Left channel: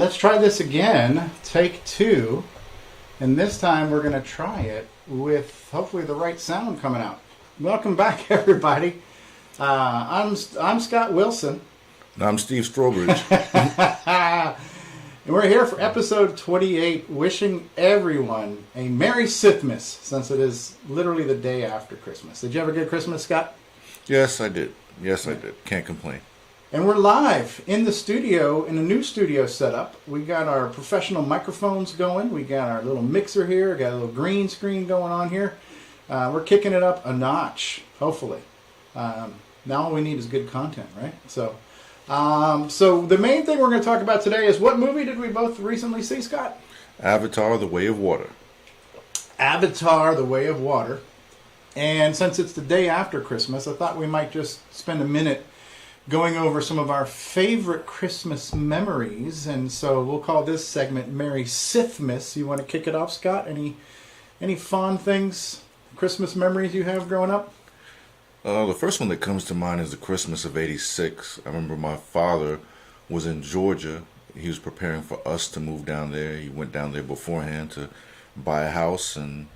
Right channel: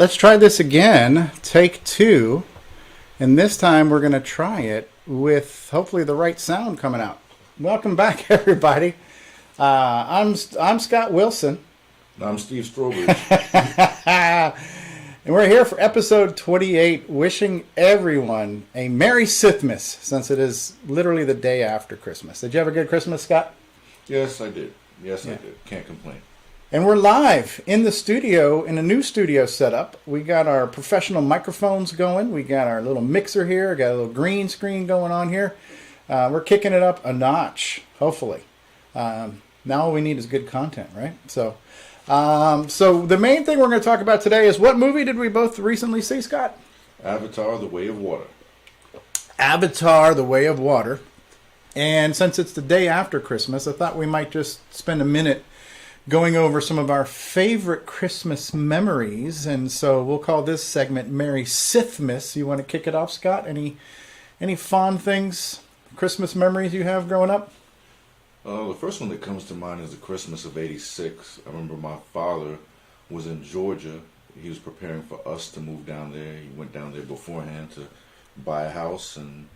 let's try this again. Take two. And this time we're going to try it with hopefully the right sound coming out. Welcome back, everybody. I'm Scott Wilson. I'm Steve Strobridge. And we're here for episode 28, wishing everyone a Merry Sithmas, since it is literally the day after Christmas. Did you have a good Christmas, Scott? Yes, I did. I did. Can't complain. And we're live in the studio, in a new studio setup. We got our professional microphones going. We got our little mixer here. Got a little green screen going on here. We're kicking it up a notch, hopefully. Now all we need is good content, right? So the main thing we're going to talk about today is, what movie did we both recently see, Scott? Avatar: The Way of Water. Avatar: The Way of Water. And since it's the day after Christmas, I thought we might just spend a minute going over some of our favorite Christmas memories. And so we'll call this segment Merry Sithmas. You want to kick it off, Scott? Any fond things, Christmas memories you have growing up? The first one that comes to mind is the Christmas of '86. I remember my father was in Georgia. He was preparing for us to move down there. He went down there beforehand to buy a house and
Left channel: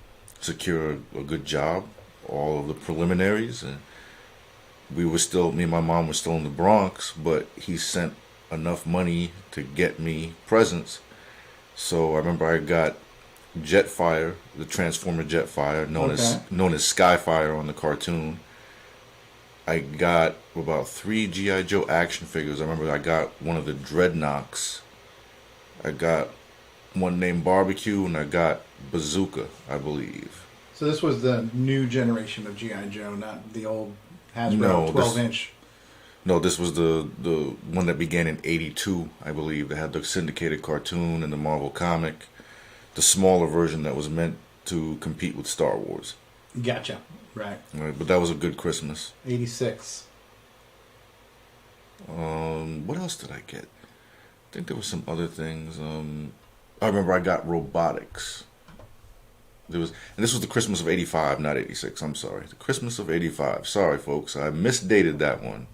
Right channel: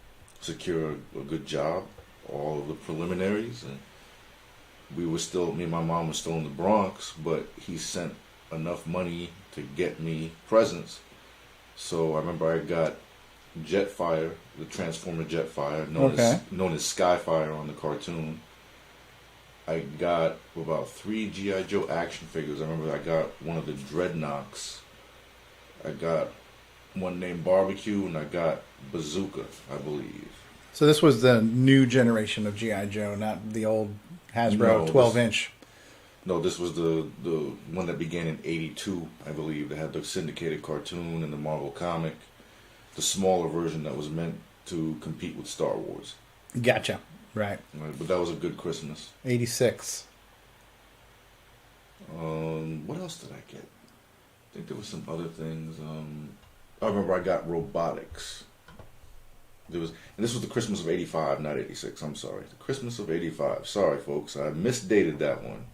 secure a good job, all of the preliminaries. And me and my mom were still in the Bronx, but he sent enough money to get me presents. So I remember I got Jetfire, the Transformer Jetfire, known as Skyfire on the cartoon. I got about 3 G.I. Joe action figures. I remember I got one of the Dreadnoks. I got one named Barbecue, and I got Bazooka, I believe. So this was the new generation of G.I. Joe, not the old Hasbro 12-inch. No, this was the one that began in '82, I believe. They had the syndicated cartoon and the Marvel comic, the smaller version that was meant to compete with Star Wars. Gotcha. Right. But that was a good Christmas. 86. What else did I get? I think there were some other things. I remember I got robotics. And this was the Christmas of '85, not '86. I'm sorry. The Christmas of '85. Sorry, folks. I misdated that one.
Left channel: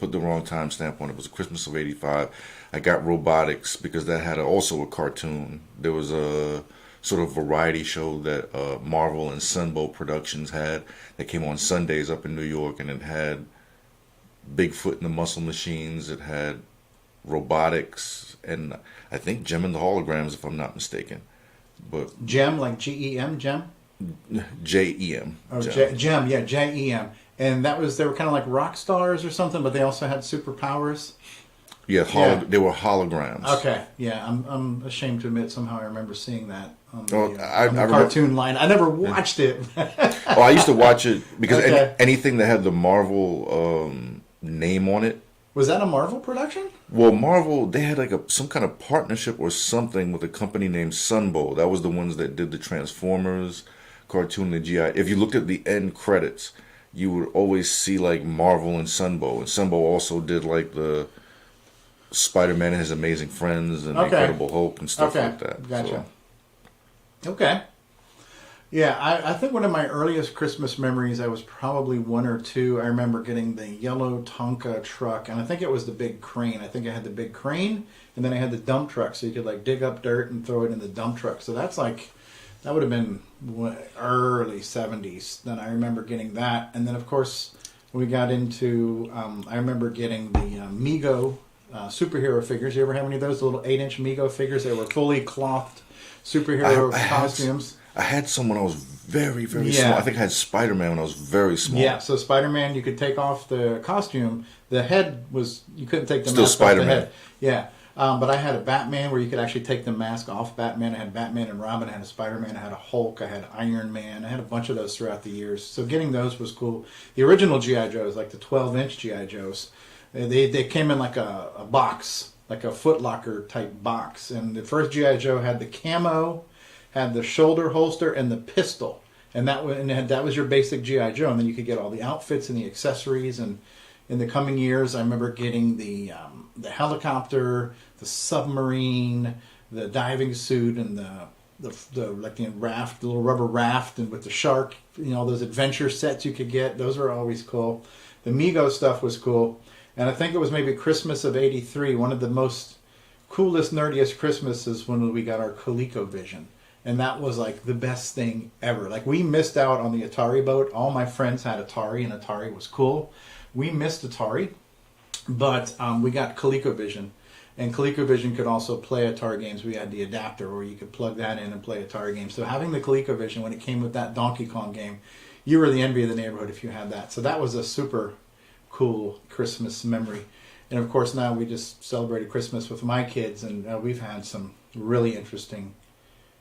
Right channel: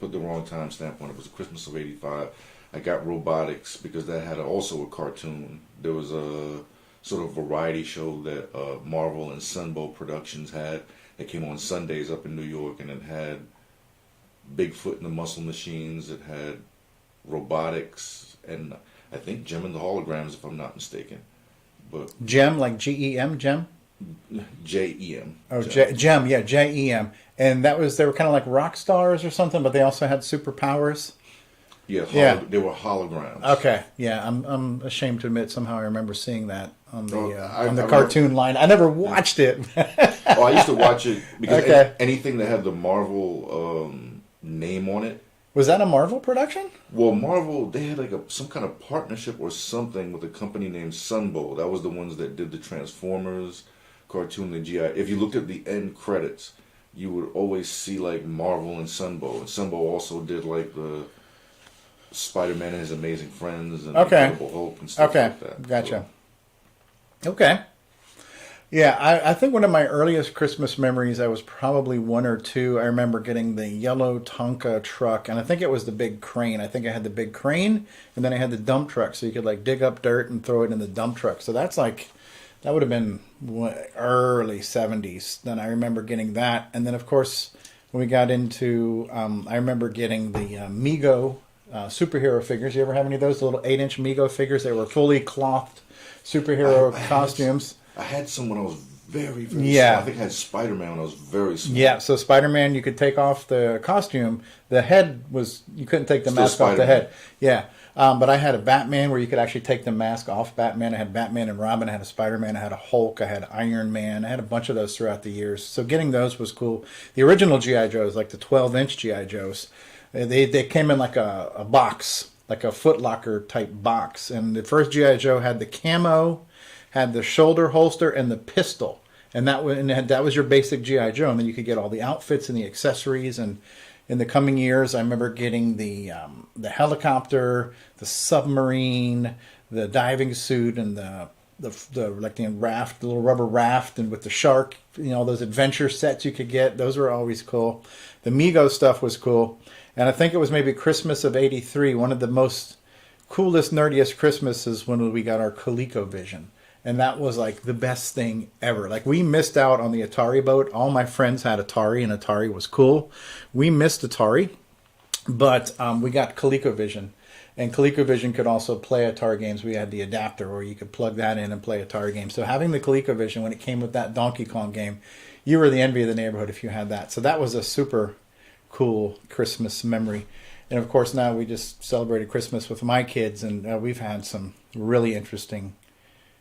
Put the wrong timestamp on it. It was the Christmas of '85. I got robotics because that had also a cartoon. There was a sort of variety show that Marvel and Sunbow Productions had that came on Sundays up in New York, and it had Bigfoot and the Muscle Machines. It had robotics, and I think Gem and the Holograms, if I'm not mistaken. But Gem, like G-E-M, Gem? J-E-M. Oh, Gem, yeah, J-E-M. And they were kind of like rock stars or something, but they also had superpowers. Yeah, they were holograms. Okay, yeah, I'm ashamed to admit somehow I remember seeing that on the I cartoon line. I never watched it. I used to watch it because anything that had the Marvel name on it. Was that a Marvel production? Well, Marvel, they had like some kind of partnership or something with a company named Sunbow. That was the ones that did the Transformers cartoon, the GI. If you looked at the end credits, you would always see like Marvel and Sunbow. And Sunbow also did like the Spider-Man and His Amazing Friends and Incredible Hulk and stuff like that. Gotcha. So. Okay. Yeah, I think one of my earliest Christmas memories, I was probably 1 or 2. I remember getting the yellow Tonka truck, and I think it was the big crane. I think I had the big crane, and then I had the dump truck, so you could like dig up dirt and throw it in the dump truck. So that would have been early 70s. Then I remember getting that. And then, of course, we got into, I remember getting the Mego superhero figures. You ever have any of those, the little 8-inch Mego figures? They were fully clothed superhero costumes. I had some when I was very, very small. I think I had Spider-Man when I was very small. Yeah, so Spider-Man, you could take off the costume. The head you couldn't take the mask off the head. Yeah. But I had a Batman where you could actually take the mask off Batman. I had Batman and Robin. I had a Spider-Man. I had a Hulk. I had Iron Man. I had a bunch of those throughout the years. So getting those was cool. The original G.I. Joes, like the 12-inch G.I. Joes, they came in like a box, like a Foot Locker type box. And the first G.I. Joe had the camo, had the shoulder holster, and the pistol. And that was your basic G.I. Joe. And then you could get all the outfits and the accessories. And in the coming years, I remember getting the helicopter, the submarine, the diving suit, and the raft, the little rubber raft, and with the shark. Those adventure sets you could get. Those were always cool. The Mego stuff was cool. And I think it was maybe Christmas of '83. One of the most coolest, nerdiest Christmas is when we got our ColecoVision. And that was like the best thing ever. Like we missed out on the Atari boat. All my friends had Atari, and Atari was cool. We missed Atari, but we got ColecoVision. And ColecoVision could also play Atari games. We had the adapter where you could plug that in and play Atari games. So having the ColecoVision, when it came with that Donkey Kong game, you were the envy of the neighborhood if you had that. So that was a super cool Christmas memory. And of course, now we just celebrated Christmas with my kids, and we've had some really interesting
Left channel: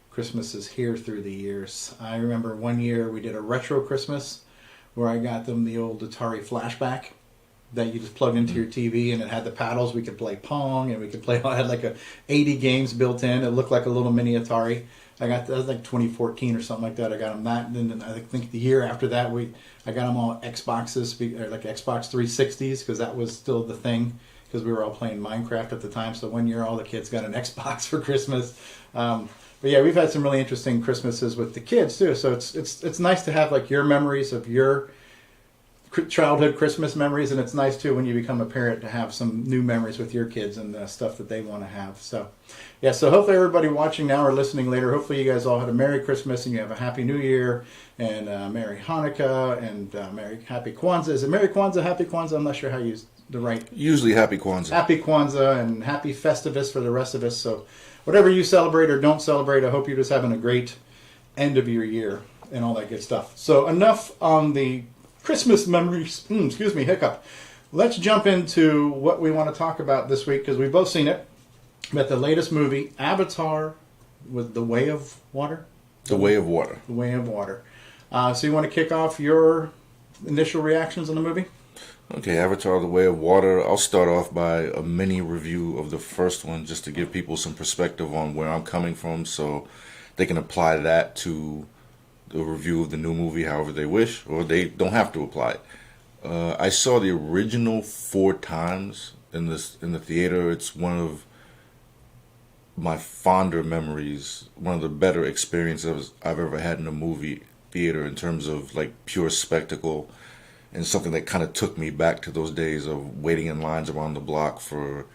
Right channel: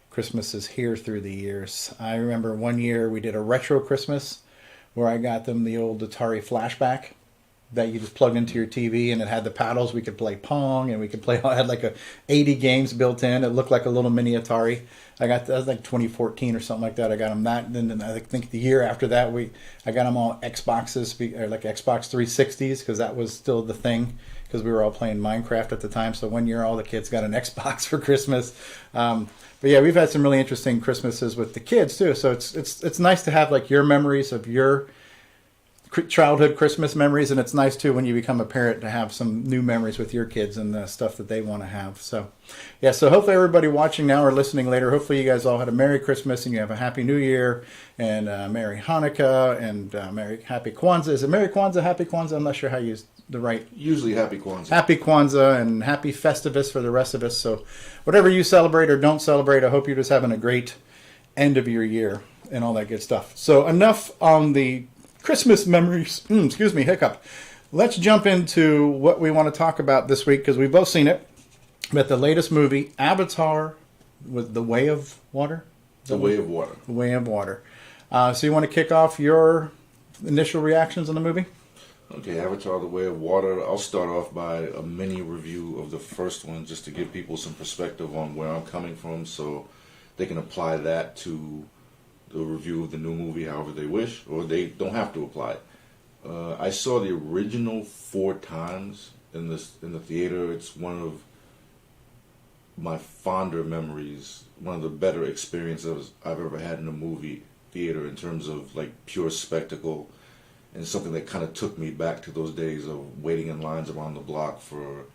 Christmases here through the years. I remember one year we did a retro Christmas where I got them the old Atari Flashback that you just plug into your TV, and it had the paddles. We could play Pong, and we could play. I had like 80 games built in. It looked like a little mini Atari. That was like 2014 or something like that. I got them that. And then I think the year after that, I got them all Xboxes, or like Xbox 360s, because that was still the thing, because we were all playing Minecraft at the time. So one year all the kids got an Xbox for Christmas. But yeah, we've had some really interesting Christmases with the kids too. So it's nice to have like your memories of your childhood Christmas memories, and it's nice too when you become a parent to have some new memories with your kids and the stuff that they want to have. So yeah, so hopefully everybody watching now or listening later, hopefully you guys all had a Merry Christmas and you have a Happy New Year and Merry Hanukkah and Happy Kwanzaa. Is it Merry Kwanzaa, Happy Kwanzaa? I'm not sure how you use the right. Usually Happy Kwanzaa. Happy Kwanzaa and Happy Festivus for the rest of us. So whatever you celebrate or don't celebrate, I hope you're just having a great end of your year and all that good stuff. So enough on the Christmas memories. Excuse me, hiccup. Let's jump into what we want to talk about this week, because we've both seen it. But the latest movie, Avatar with The Way of Water? The Way of Water. The Way of Water. So you want to kick off your initial reactions on the movie? Okay, Avatar, The Way of Water. I'll start off by a mini review of the first one, just to give people some perspective on where I'm coming from, so they can apply that to the review of the new movie however they wish, or they don't have to apply it. I saw the original 4 times in the theater. It's one of my fonder memories, one of the better experiences I've ever had in a movie theater in terms of like pure spectacle, and something that kind of took me back to those days of waiting in lines around the block for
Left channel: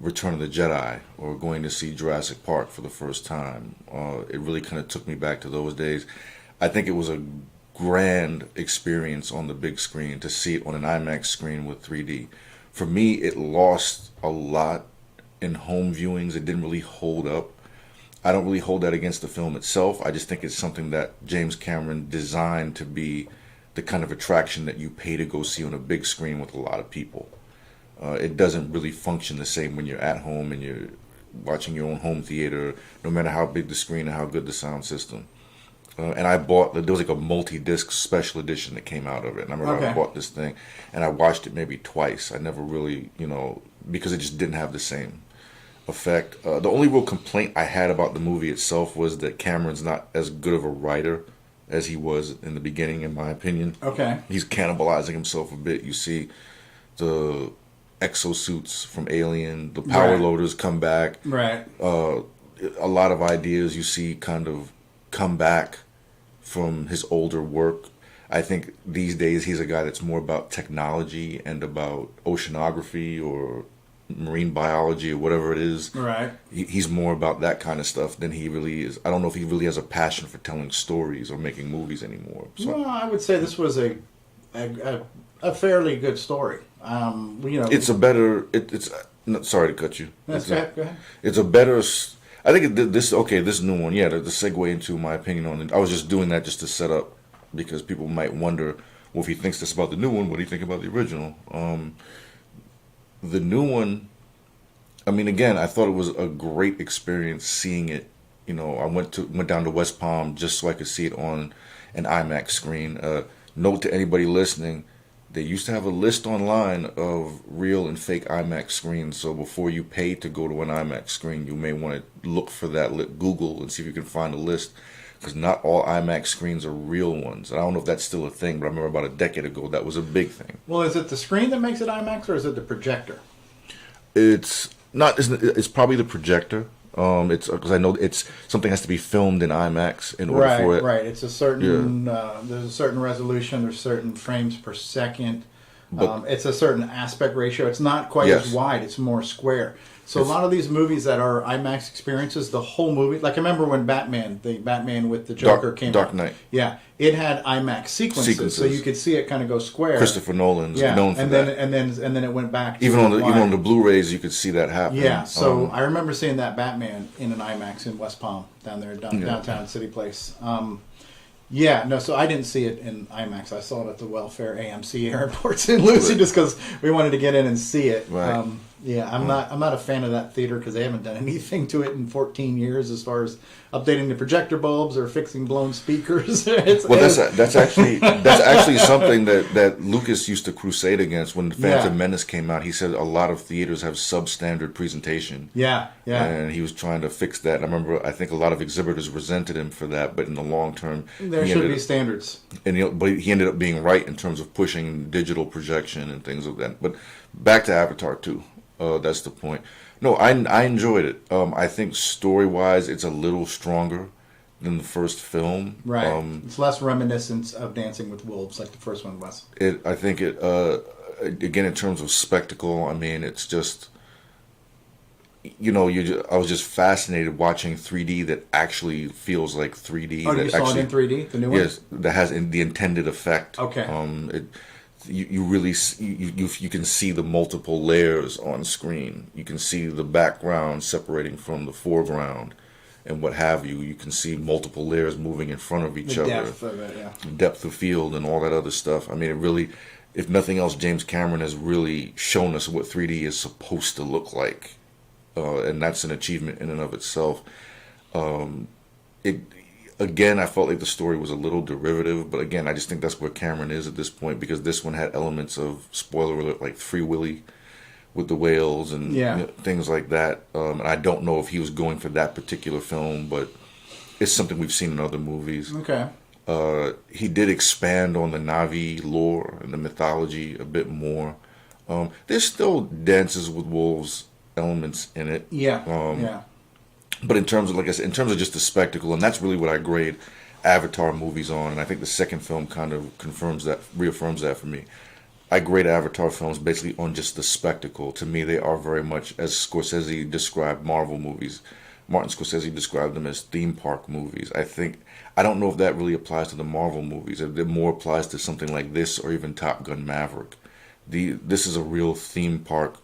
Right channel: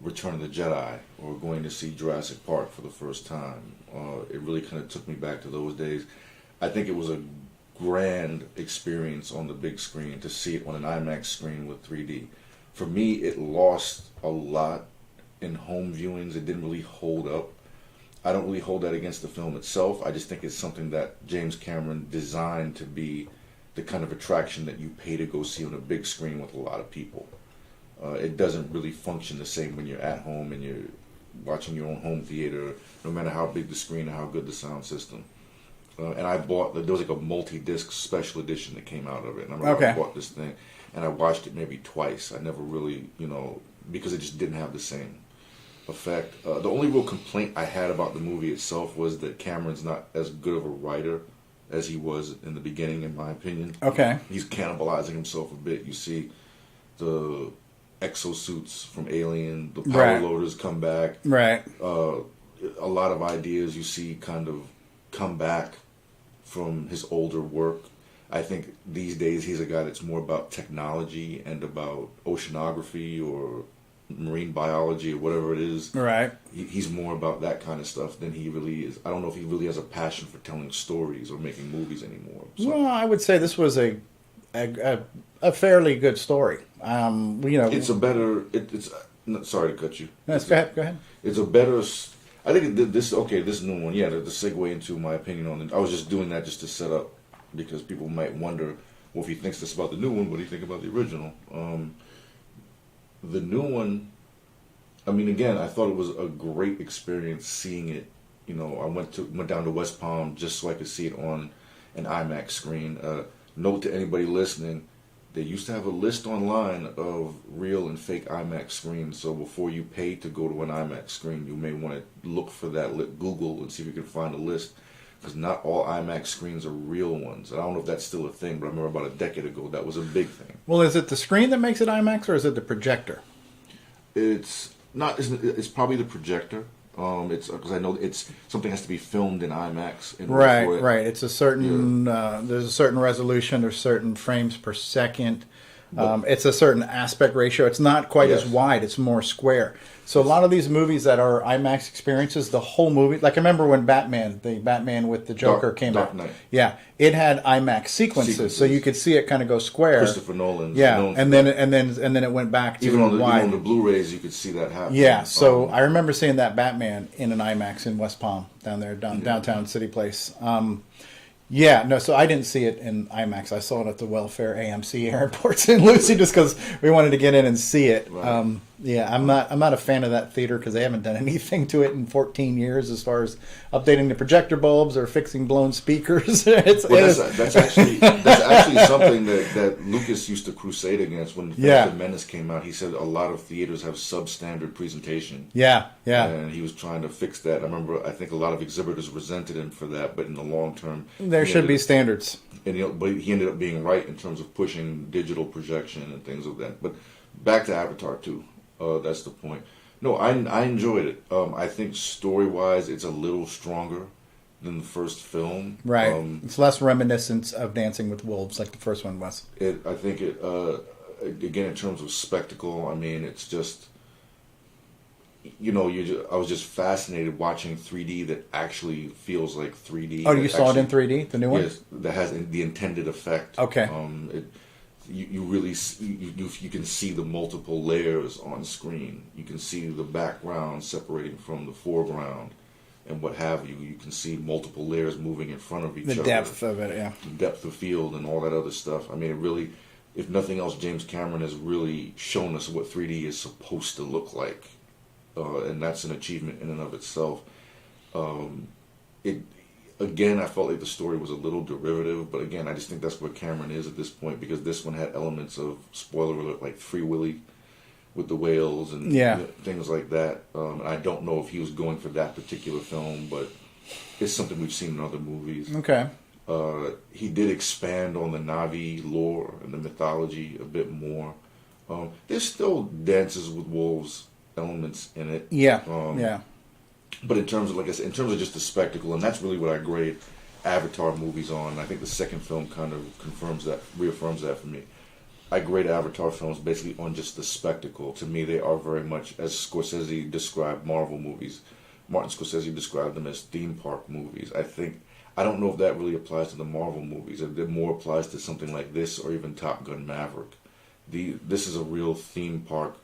Return of the Jedi or going to see Jurassic Park for the first time. It really kind of took me back to those days. I think it was a grand experience on the big screen to see it on an IMAX screen with 3D. For me, it lost a lot in home viewings. It didn't really hold up. I don't really hold that against the film itself. I just think it's something that James Cameron designed to be the kind of attraction that you pay to go see on a big screen with a lot of people. It doesn't really function the same when you're at home and you're watching your own home theater, no matter how big the screen and how good the sound system. And I bought, there was like a multi-disc special edition that came out of it. And I remember I bought this thing and I watched it maybe twice. I never really, because it just didn't have the same effect. The only real complaint I had about the movie itself was that Cameron's not as good of a writer as he was in the beginning, in my opinion. Okay. He's cannibalizing himself a bit. You see the exosuits from Alien, the power loaders come back. Right. A lot of ideas you see kind of come back from his older work. I think these days he's a guy that's more about technology and about oceanography or marine biology or whatever it is. Right. He's more about that kind of stuff than he really is. I don't know if he really has a passion for telling stories or making movies anymore. So, well, I would say this was a fairly good story. It's a better. It's sorry to cut you. Go ahead. It's a better. I think this new one. Yeah, the segue into my opinion on it. I was just doing that just to set up, because people might wonder, well, if he thinks this about the new one, what do you think about the original? The new one, I mean, again, I thought it was a great experience seeing it. I went down to West Palm just so I could see it on an IMAX screen. Note to anybody listening, they used to have a list online of real and fake IMAX screens. So before you pay to go to an IMAX screen, you may want to look for that, Google, and see if you can find a list. Because not all IMAX screens are real ones. I don't know if that's still a thing, but I remember about a decade ago that was a big thing. Well, is it the screen that makes it IMAX, or is it the projector? It's not. It's probably the projector. It's because I know something has to be filmed in IMAX in order for it. Right. It's a certain. There's a certain resolution. There's certain frames per second. It's a certain aspect ratio. It's not quite as wide. It's more square. So a lot of these movies that are IMAX experiences, the whole movie, like I remember when the Batman with the Joker came out. Dark Knight. Yeah, it had IMAX sequences, so you could see it kind of go square. Christopher Nolan's yeah, known for and then that. it went back to even on the Blu-rays, you could see that happen. Yeah, so I remember seeing that Batman in an IMAX in West Palm down there, downtown City Place. Yeah, no, so I didn't see it in IMAX. I saw it at the Welfare AMC Airports in Lucy just because we wanted to get in and see it. Right. Yeah, I'm not a fan of that theater because they haven't done anything to it in 14 years as far as updating the projector bulbs or fixing blown speakers. That's actually something that Lucas used to crusade against when the Phantom Menace came out. He said a lot of theaters have substandard presentation. Yeah. And he was trying to fix that. And I think a lot of exhibitors resented him for that, but in the long term, there should be standards. But he ended up being right in terms of pushing digital projection and things like that. But back to Avatar 2. That's the point. No, I enjoyed it. I think story-wise, it's a little stronger than the first film. Right. It's less reminiscent of Dancing with Wolves like the first one was. I think again, in terms of spectacle, I mean, it's just, I was just fascinated watching 3D that actually feels like 3D. Oh, you saw it in 3D, the new one? Yes, that has the intended effect. Okay. You really you can see the multiple layers on screen. You can see the background separating from the foreground, and what have you. You can see multiple layers moving in front of each other. The depth of it, yeah. Depth of field and all that other stuff. I mean, it really, if nothing else, James Cameron has really shown us what 3D is supposed to look like, and that's an achievement in and of itself. Again, I felt like the story was a little derivative, but again, I just think that's where Cameron is at this point, because this one had elements of, spoiler alert, like Free Willy with the whales and things like that. And I don't know if he was going for that particular film, but it's something we've seen in other movies. Okay. He did expand on the Na'vi lore and the mythology a bit more. There's still Dances with Wolves elements in it. Yeah. But in terms of, like I said, in terms of just the spectacle, and that's really what I grade Avatar movies on, and I think the second film kind of reaffirms that for me. I grade Avatar films basically on just the spectacle. To me, they are very much, as Scorsese described Marvel movies, Martin Scorsese described them as theme park movies. I don't know if that really applies to the Marvel movies. It more applies to something like this or even Top Gun Maverick. This is a real theme park.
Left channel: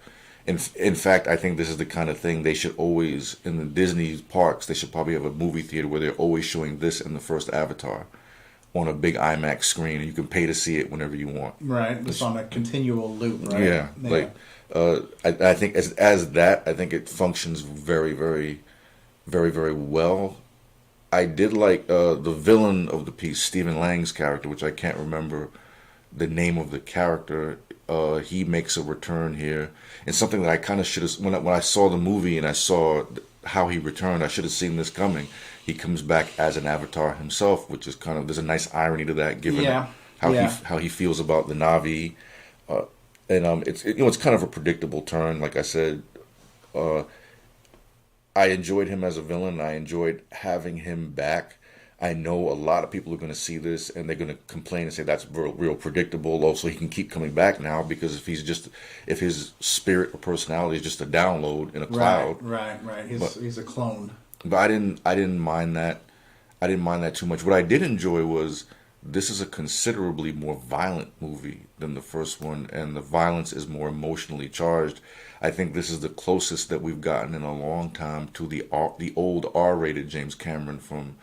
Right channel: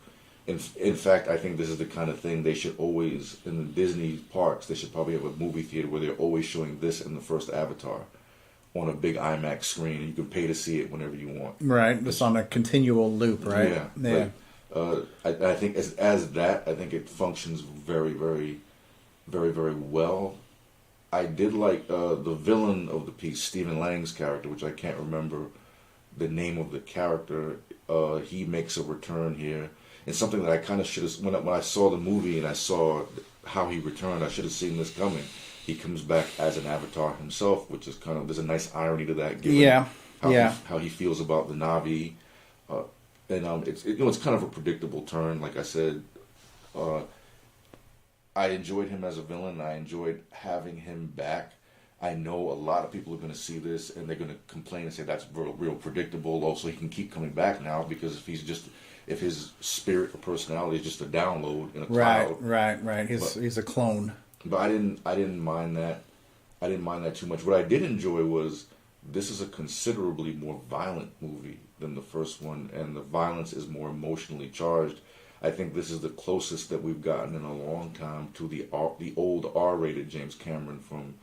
In fact, I think this is the kind of thing they should always, in the Disney parks, they should probably have a movie theater where they're always showing this in the first Avatar on a big IMAX screen, and you can pay to see it whenever you want. Right, it's on a continual loop, right? Yeah. I think as that, I think it functions very, very, very, very well. I did like the villain of the piece, Stephen Lang's character, which I can't remember the name of the character. He makes a return here. And something that I kind of should have, when I saw the movie and I saw how he returned, I should have seen this coming. He comes back as an Avatar himself, which is kind of, there's a nice irony to that, given how he feels about the Na'vi. It's kind of a predictable turn. Like I said, I enjoyed him as a villain. I enjoyed having him back. I know a lot of people are going to see this and they're going to complain and say that's real predictable. Also, he can keep coming back now because if his spirit or personality is just a download in a cloud. Right. He's a clone. But I didn't mind that. I didn't mind that too much. What I did enjoy was this is a considerably more violent movie than the first one, and the violence is more emotionally charged. I think this is the closest that we've gotten in a long time to the old R-rated James Cameron from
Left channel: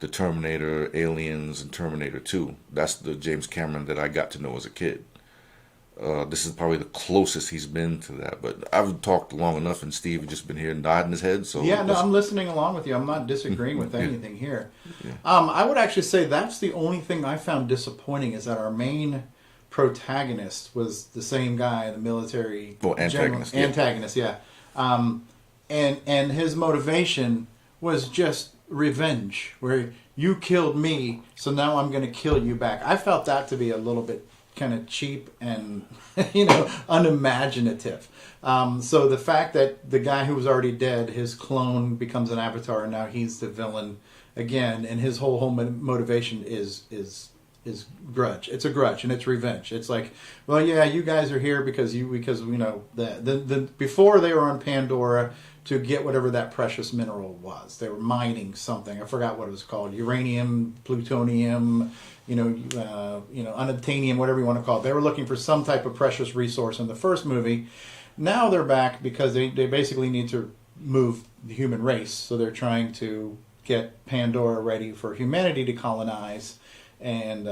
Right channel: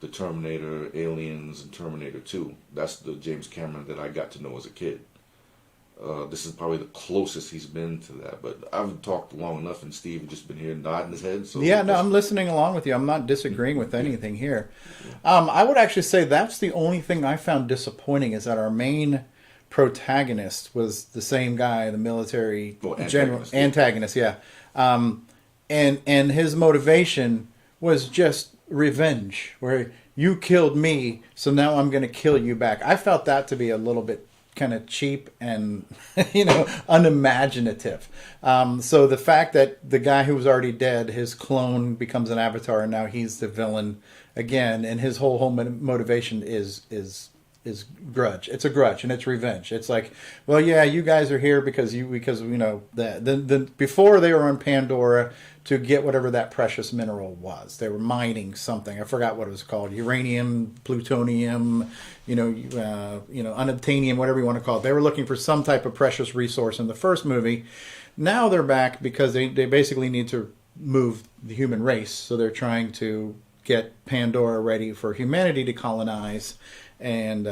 the Terminator, Aliens, and Terminator 2. That's the James Cameron that I got to know as a kid. This is probably the closest he's been to that. But I've talked long enough, and Steve has just been here nodding his head. So I'm listening along with you. I'm not disagreeing with anything here. I would actually say that's the only thing I found disappointing is that our main protagonist was the same guy, the military antagonist. And his motivation was just revenge, where you killed me, so now I'm going to kill you back. I felt that to be a little bit kind of cheap and unimaginative. So the fact that the guy who was already dead, his clone becomes an avatar, and now he's the villain again, and his whole motivation is is grudge. It's a grudge and it's revenge. It's like, well, yeah, you guys are here because you know the before they were on Pandora to get whatever that precious mineral was. They were mining something. I forgot what it was called. Uranium, plutonium, unobtainium, whatever you want to call it. They were looking for some type of precious resource in the first movie. Now they're back because they basically need to move the human race. So they're trying to get Pandora ready for humanity to colonize. And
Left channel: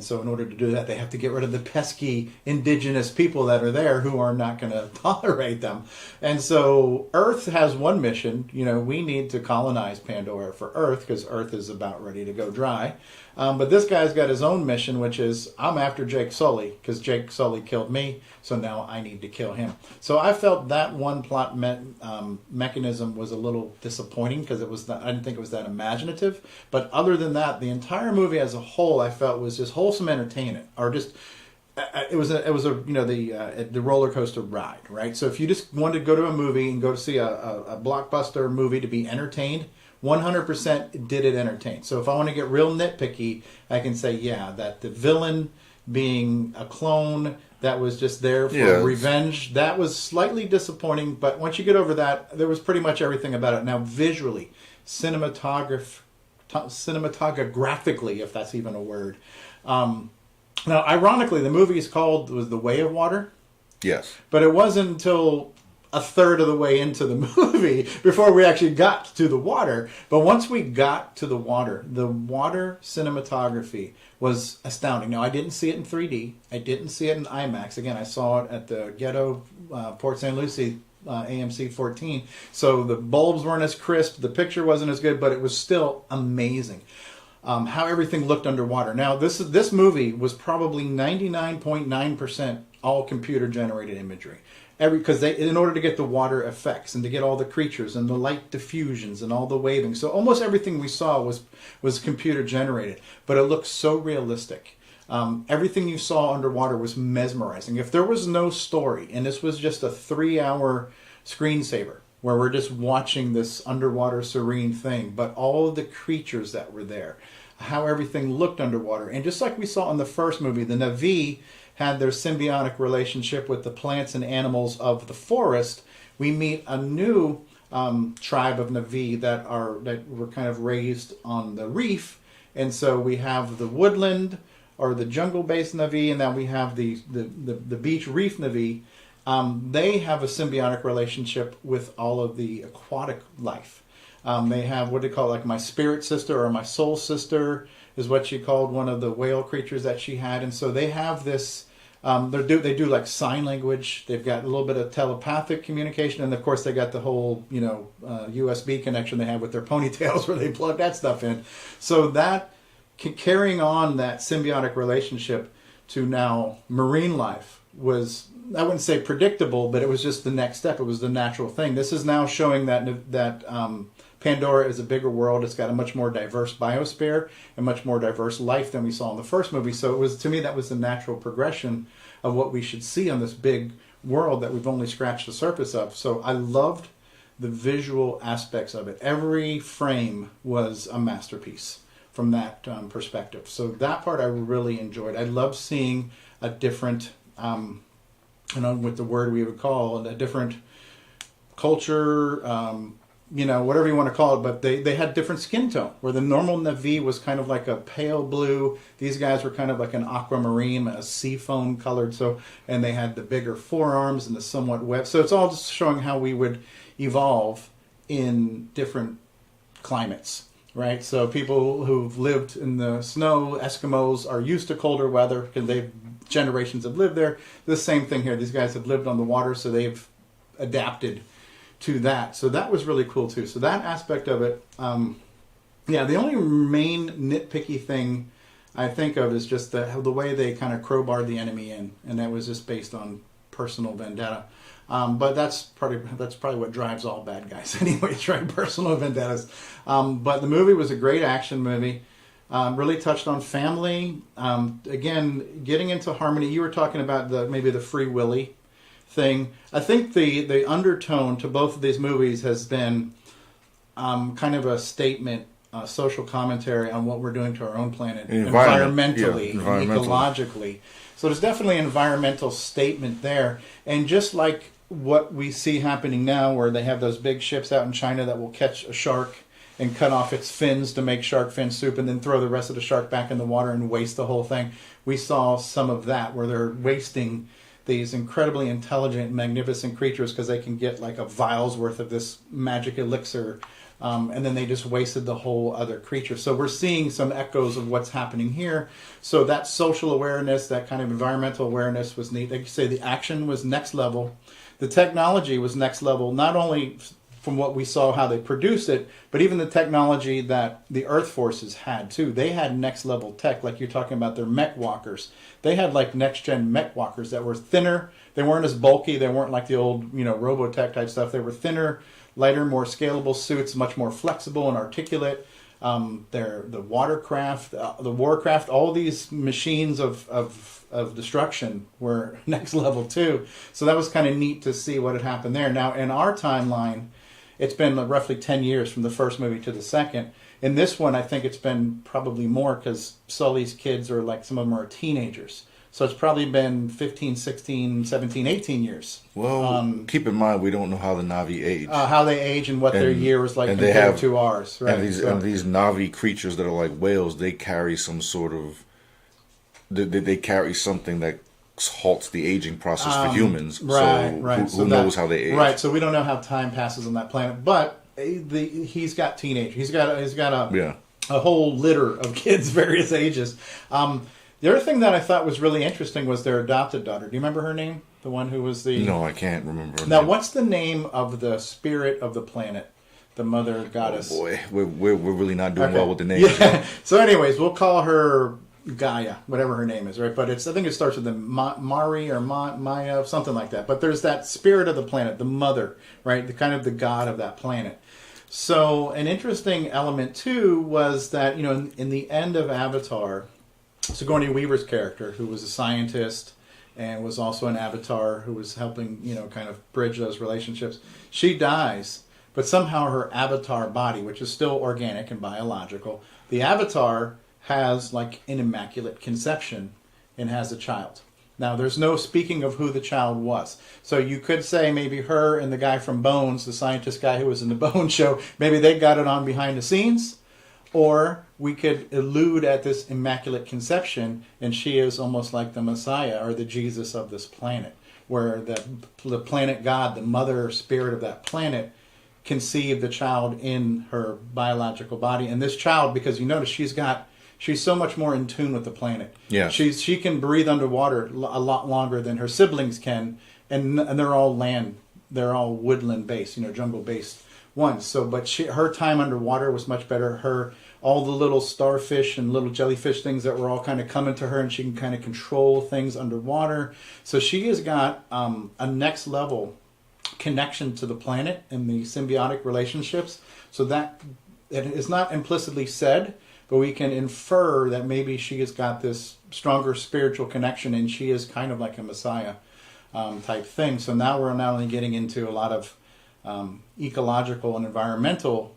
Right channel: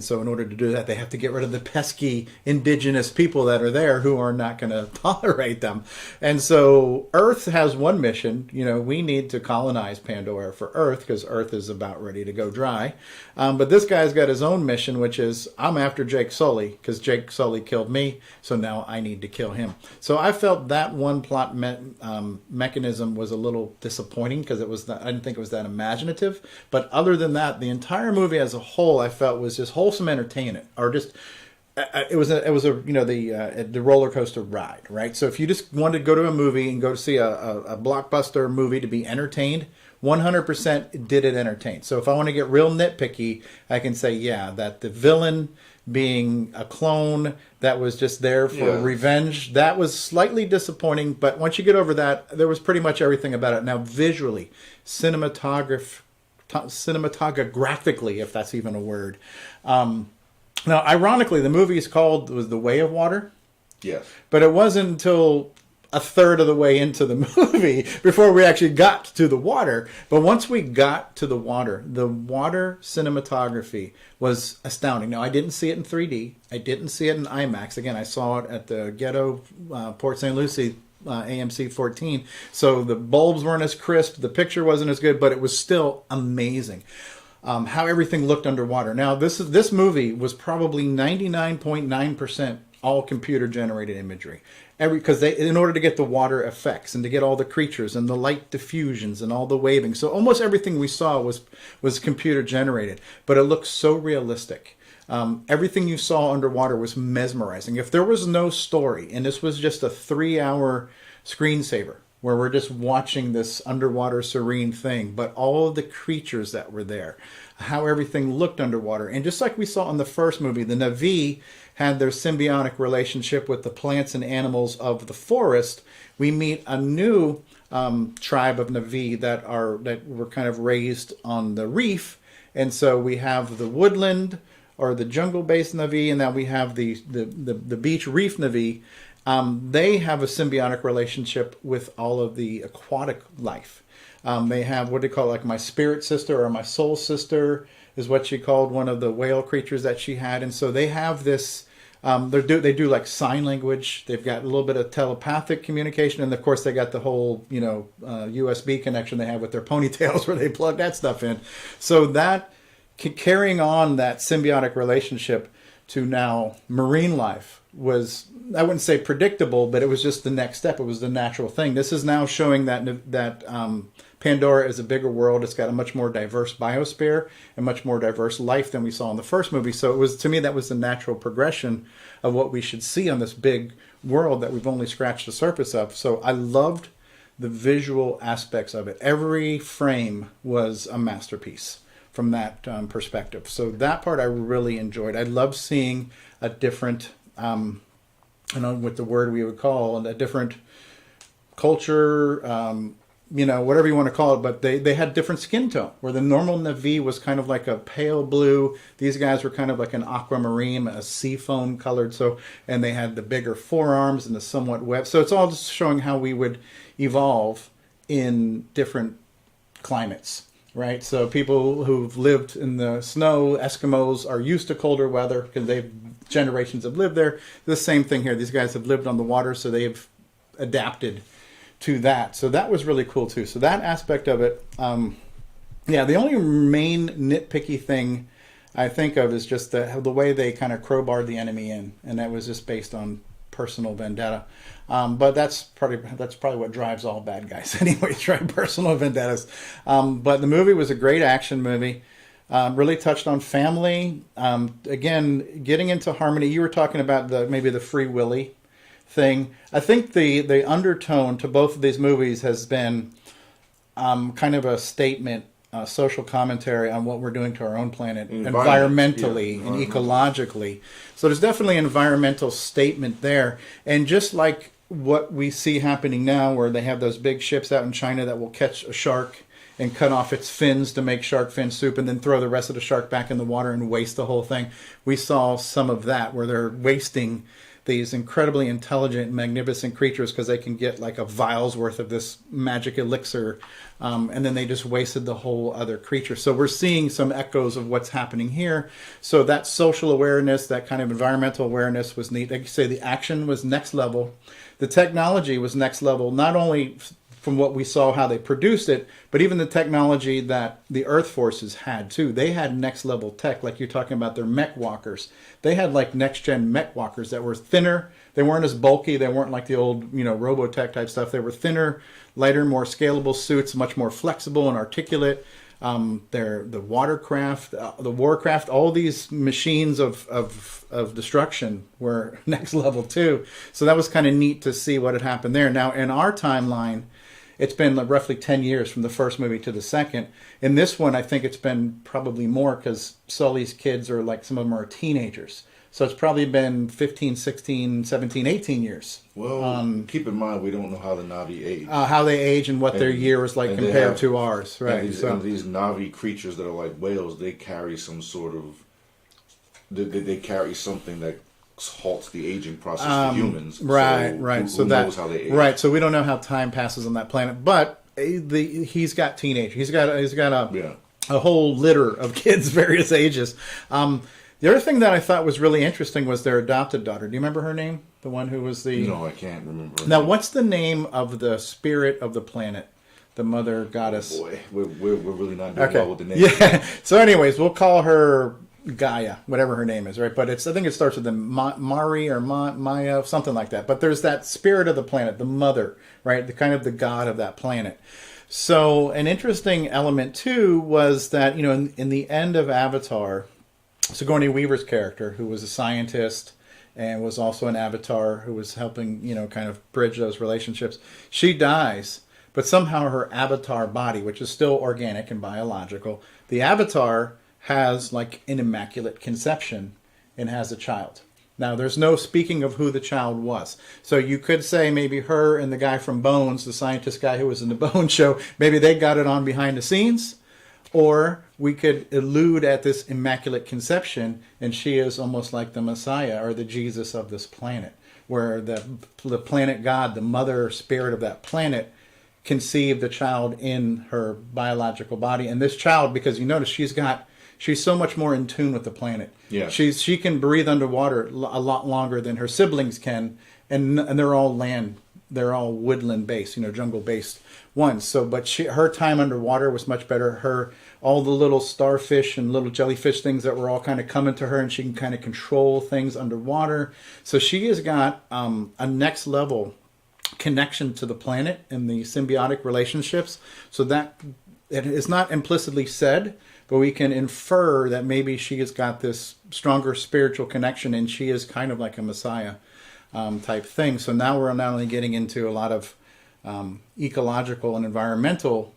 so in order to do that, they have to get rid of the pesky indigenous people that are there who are not going to tolerate them. And so Earth has one mission. We need to colonize Pandora for Earth because Earth is about ready to go dry. But this guy's got his own mission, which is I'm after Jake Sully because Jake Sully killed me. So now I need to kill him. So I felt that one plot mechanism was a little disappointing because I didn't think it was that imaginative. But other than that, the entire movie as a whole, I felt was just wholesome entertainment, or just it was the roller coaster ride, right? So if you just wanted to go to a movie and go to see a blockbuster movie to be entertained, 100% did it entertain. So if I want to get real nitpicky, I can say that the villain being a clone that was just there for revenge, that was slightly disappointing. But once you get over that, there was pretty much everything about it. Now visually, cinematographically, if that's even a word. Now, ironically, the movie was The Way of Water. Yes. But it wasn't until a third of the way into the movie before we actually got to the water. But once we got to the water cinematography was astounding. Now, I didn't see it in 3D. I didn't see it in IMAX. Again, I saw it at the Ghetto Port St. Lucie AMC 14. So the bulbs weren't as crisp, the picture wasn't as good, but it was still amazing how everything looked underwater. Now this movie was probably 99.9% all computer generated imagery. Because in order to get the water effects and to get all the creatures and the light diffusions and all the waving, so almost everything we saw was computer generated, but it looked so realistic. Everything you saw underwater was mesmerizing. If there was no story, and this was just a 3-hour screensaver where we're just watching this underwater serene thing, but all of the creatures that were there, how everything looked underwater. And just like we saw in the first movie, the Na'vi had their symbiotic relationship with the plants and animals of the forest. We meet a new tribe of Na'vi that were kind of raised on the reef. And so we have the woodland or the jungle-based Na'vi, and now we have the beach reef Na'vi. They have a symbiotic relationship with all of the aquatic life. They have what they call like my spirit sister or my soul sister is what she called one of the whale creatures that she had. And so they have this, they do like sign language. They've got a little bit of telepathic communication. And of course they got the whole, USB connection they have with their ponytails where they plug that stuff in. So that carrying on that symbiotic relationship to now marine life was, I wouldn't say predictable, but it was just the next step. It was the natural thing. This is now showing that Pandora is a bigger world. It's got a much more diverse biosphere and much more diverse life than we saw in the first movie. So it was, to me, that was the natural progression of what we should see on this big world that we've only scratched the surface of. So I loved the visual aspects of it. Every frame was a masterpiece from that perspective. So that part I really enjoyed. I loved seeing a different, with the word we would call a different culture, whatever you want to call it, but they had different skin tone, where the normal Na'vi was kind of like a pale blue. These guys were kind of like an aquamarine, a sea foam colored. And they had the bigger forearms and the somewhat web. So it's all just showing how we would evolve in different climates. Right, so people who've lived in the snow, Eskimos, are used to colder weather because generations have lived there. The same thing here. These guys have lived on the water, so they've adapted to that. So that was really cool too. So that aspect of it, the only main nitpicky thing I think of is just the way they kind of crowbarred the enemy in, and that was just based on personal vendetta. But that's probably what drives all bad guys anyways, right? Personal vendettas. But the movie was a great action movie. Really touched on family. Again, getting into harmony. You were talking about maybe the Free Willy thing. I think the undertone to both of these movies has been kind of a statement social commentary on what we're doing to our own planet environmentally and ecologically. So there's definitely an environmental statement there. And just like what we see happening now, where they have those big ships out in China that will catch a shark and cut off its fins to make shark fin soup and then throw the rest of the shark back in the water and waste the whole thing. We saw some of that where they're wasting these incredibly intelligent, magnificent creatures because they can get like a vial's worth of this magic elixir, and then they just wasted the whole other creature. So we're seeing some echoes of what's happening here. So that social awareness, that kind of environmental awareness was neat. Like you say, the action was next level. The technology was next level, not only from what we saw how they produced it, but even the technology that the Earth forces had too. They had next level tech, like you're talking about their mech walkers. They had like next gen mech walkers that were thinner. They weren't as bulky. They weren't like the old, Robotech type stuff. They were thinner, lighter, more scalable suits, much more flexible and articulate. They're the watercraft, the warcraft, all these machines of destruction were next level too. So that was kind of neat to see what had happened there. Now in our timeline, it's been roughly 10 years from the first movie to the second. In this one, I think it's been probably more because Sully's kids are like, some of them are teenagers. So it's probably been 15, 16, 17, 18 years. Well, keep in mind, we don't know how the Na'vi age. How they age and what their year is like compared to ours. Right. And these Na'vi creatures that are like whales, they carry some sort of... They carry something that halts the aging process for humans. Right, so right. Who knows how they age? Right, so we don't know how time passes on that planet. But he's got teenagers. He's got a whole litter of kids, various ages. The other thing that I thought was really interesting was their adopted daughter. Do you remember her name? The one who was the... No, I can't remember. Now, what's the name of the spirit of the planet? The mother goddess. Oh boy, we're really not doing well with the names. Yeah. So anyways, we'll call her Gaia, whatever her name is, right? But I think it starts with the Mari or Maya, something like that. But there's that spirit of the planet, the mother, right? The kind of the god of that planet. So an interesting element too was that, in the end of Avatar, Sigourney Weaver's character, who was a scientist and was also an avatar who was helping, kind of bridge those relationships, she dies, but somehow her avatar body, which is still organic and biological, the avatar has like an immaculate conception and has a child. Now, there's no speaking of who the child was. So you could say maybe her and the guy from Bones, the scientist guy who was in the Bones show, maybe they got it on behind the scenes. Or we could allude at this immaculate conception, and she is almost like the Messiah or the Jesus of this planet, where the planet God, the mother spirit of that planet, conceived the child in her biological body. And this child, because you notice she's so much more in tune with the planet. Yeah. She can breathe underwater a lot longer than her siblings can, and they're all woodland based, jungle based ones. So, but her time underwater was much better. All the little starfish and little jellyfish things that were all kind of coming to her, and she can kind of control things underwater. So she has got a next level connection to the planet and the symbiotic relationships. So that it is not implicitly said, but we can infer that maybe she has got this stronger spiritual connection, and she is kind of like a Messiah type thing. So now we're not only getting into a lot of ecological and environmental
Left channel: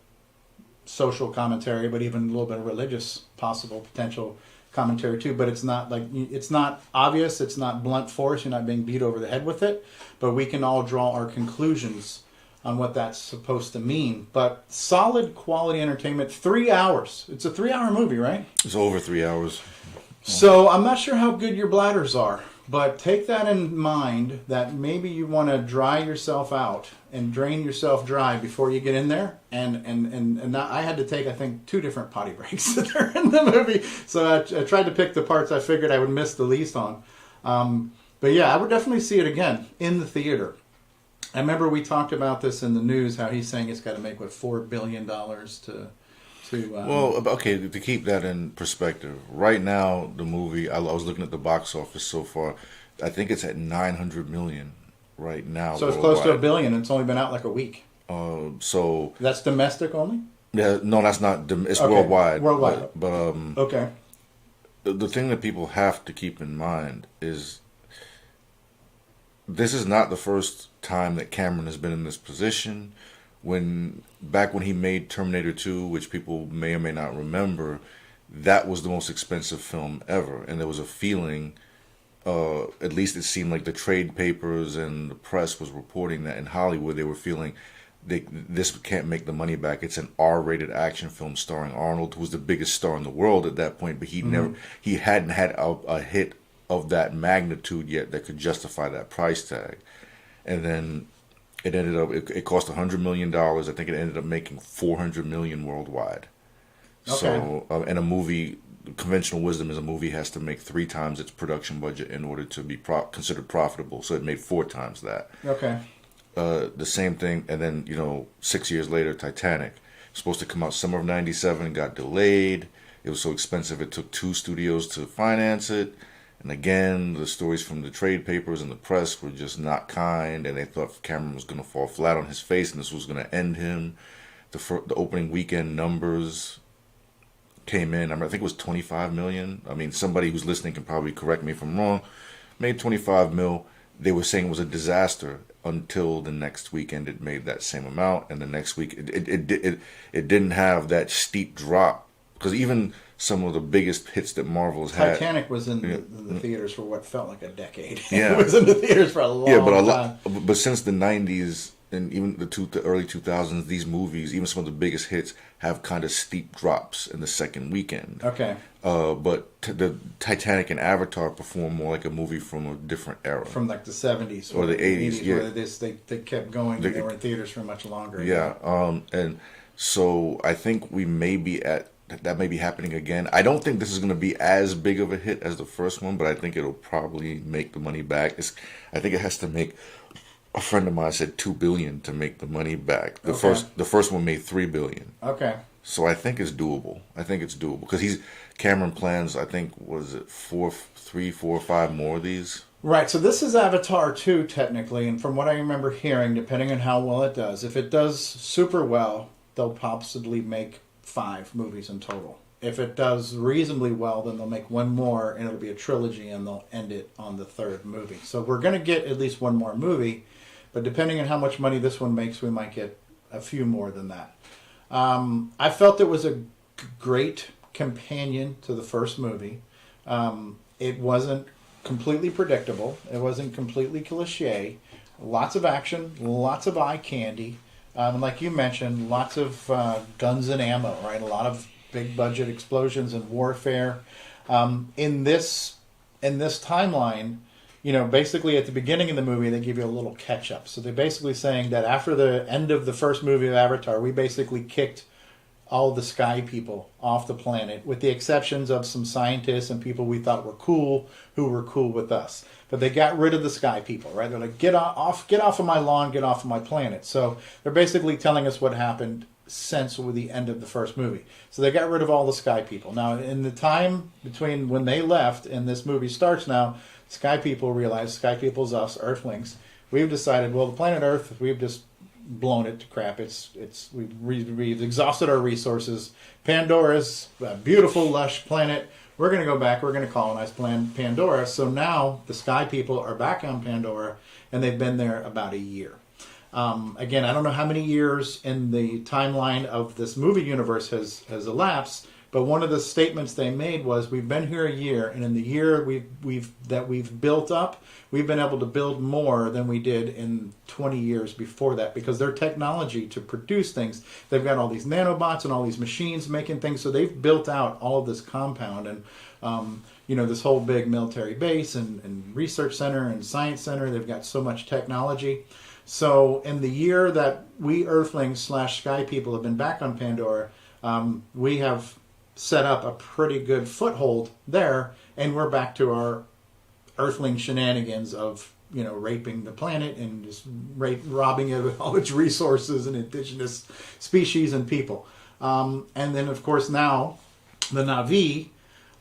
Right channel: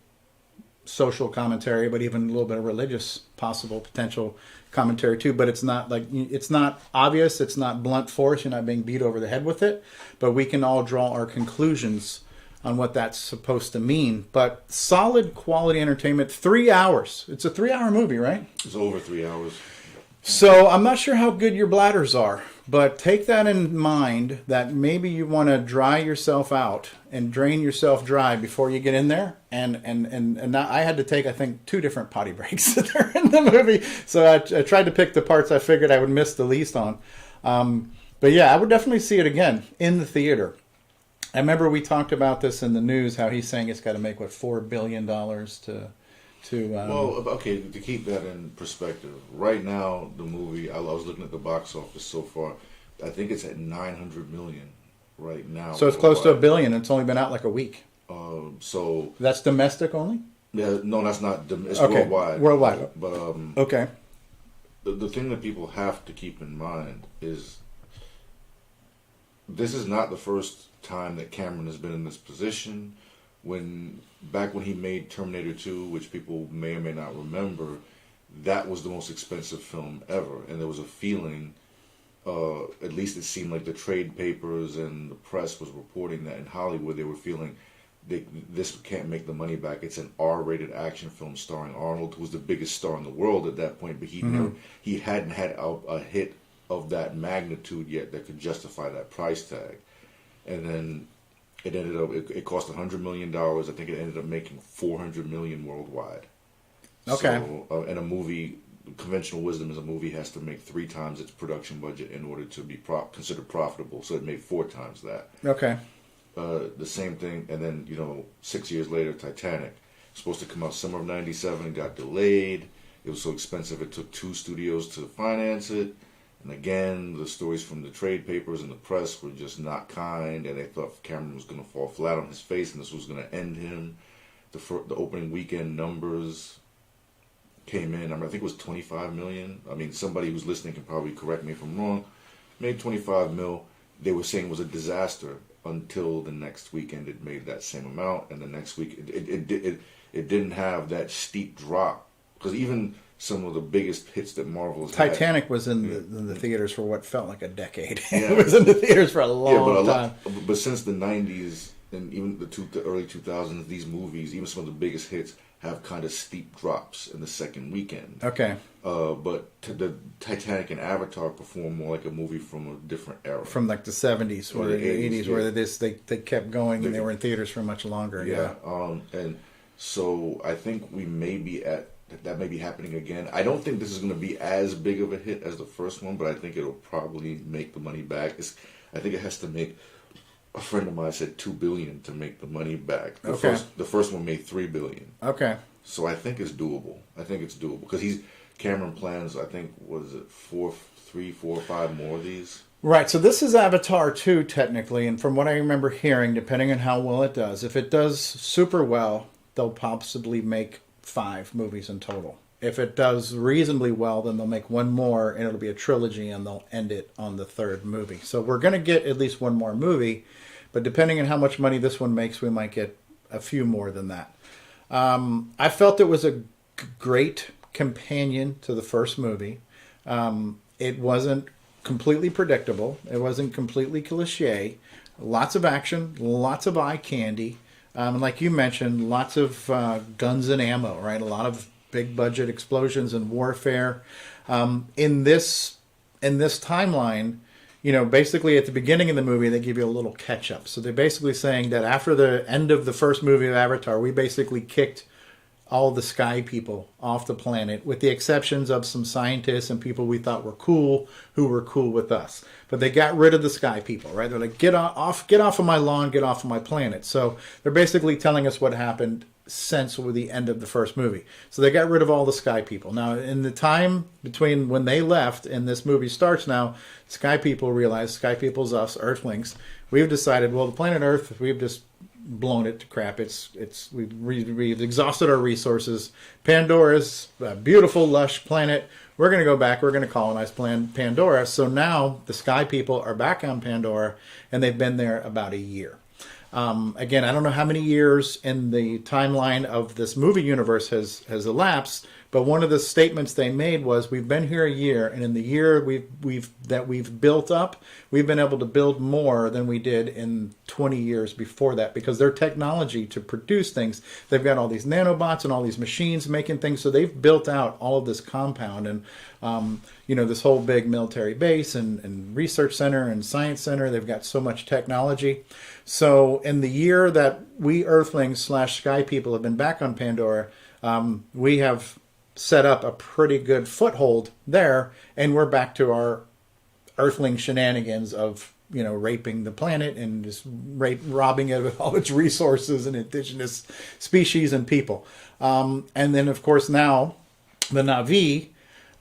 social commentary, but even a little bit of religious possible potential commentary too. But it's not obvious, it's not blunt force, you're not being beat over the head with it, but we can all draw our conclusions on what that's supposed to mean. But solid quality entertainment, 3 hours. It's a 3-hour movie, right? It's over 3 hours. So I'm not sure how good your bladders are, but take that in mind that maybe you want to dry yourself out and drain yourself dry before you get in there. And now I had to take, I think, 2 different potty breaks that are in the movie. So I tried to pick the parts I figured I would miss the least on. But yeah, I would definitely see it again in the theater. I remember we talked about this in the news, how he's saying it's got to make, $4 billion to well, okay, to keep that in perspective, right now the movie, I was looking at the box office so far, I think it's at 900 million right now. So it's close to $1 billion. It's only been out like a week. So that's domestic only? Yeah, no, that's not. It's okay. Worldwide. Worldwide. But okay. The thing that people have to keep in mind is this is not the first time that Cameron has been in this position back when he made Terminator 2, which people may or may not remember, that was the most expensive film ever, and there was a feeling. At least it seemed like the trade papers and the press was reporting that in Hollywood they were feeling this can't make the money back. It's an R-rated action film starring Arnold, who was the biggest star in the world at that point, but he hadn't had a hit of that magnitude yet that could justify that price tag. And then it ended up it cost $100 million. I think it ended up making $400 million worldwide. Okay. So and a movie. Conventional wisdom is a movie has to make 3 times its production budget in order to be considered profitable. So it made 4 times that. Okay. The same thing, and then 6 years later, Titanic, supposed to come out summer of '97, got delayed. It was so expensive it took 2 studios to finance it. And again, the stories from the trade papers and the press were just not kind, and they thought Cameron was going to fall flat on his face, and this was going to end him. The opening weekend numbers came in. I think it was 25 million. I mean, somebody who's listening can probably correct me if I'm wrong. Made 25 mil. They were saying it was a disaster until the next weekend it made that same amount, and the next week it didn't have that steep drop, because even some of the biggest hits that Marvel's had. Titanic was in the theaters for what felt like a decade. Yeah. It was in the theaters for a long time. But since the 90s and even the early 2000s, these movies, even some of the biggest hits, have kind of steep drops in the second weekend. Okay. But the Titanic and Avatar perform more like a movie from a different era. From like the 70s or the 80s, yeah. Where they kept going and they were in theaters for much longer. Yeah. And so I think we may be that may be happening again. I don't think this is going to be as big of a hit as the first one, but I think it'll probably make the money back. I think it has to make. A friend of mine said $2 billion to make the money back. The first one made $3 billion. Okay. So I think it's doable. Because Cameron plans. I think was it 3, 4, 5 more of these. Right. So this is Avatar 2 technically, and from what I remember hearing, depending on how well it does, if it does super well, they'll possibly make 5 movies in total. If it does reasonably well, then they'll make 1 more, and it'll be a trilogy, and they'll end it on the 3rd movie. So we're going to get at least 1 more movie. But depending on how much money this one makes, we might get a few more than that. I felt it was a great companion to the first movie. It wasn't completely predictable. It wasn't completely cliche. Lots of action, lots of eye candy. Like you mentioned, lots of guns and ammo, right? A lot of big budget explosions and warfare. In this timeline, basically at the beginning of the movie, they give you a little catch-up. So they're basically saying that after the end of the first movie of Avatar, we basically kicked all the sky people off the planet, with the exceptions of some scientists and people we thought were cool, who were cool with us. But they got rid of the sky people, right? They're like, get off of my lawn, get off of my planet. So they're basically telling us what happened since the end of the first movie. So they got rid of all the sky people. Now, in the time between when they left and this movie starts now, sky people realize, sky people's us, Earthlings, we've decided, well, the planet Earth, we've just blown it to crap. We've exhausted our resources. Pandora's a beautiful, lush planet. We're going to go back. We're going to colonize Pandora. So now the sky people are back on Pandora, and they've been there about a year. Again, I don't know how many years in the timeline of this movie universe has elapsed, but one of the statements they made was, we've been here a year, and in the year we've built up, we've been able to build more than we did in 20 years before that, because their technology to produce things, they've got all these nanobots and all these machines making things, so they've built out all of this compound and this whole big military base and research center and science center. They've got so much technology. So in the year that we Earthlings / Sky people have been back on Pandora, we have set up a pretty good foothold there, and we're back to our Earthling shenanigans of raping the planet and just robbing it of all its resources and indigenous species and people. And then, of course, now the Na'vi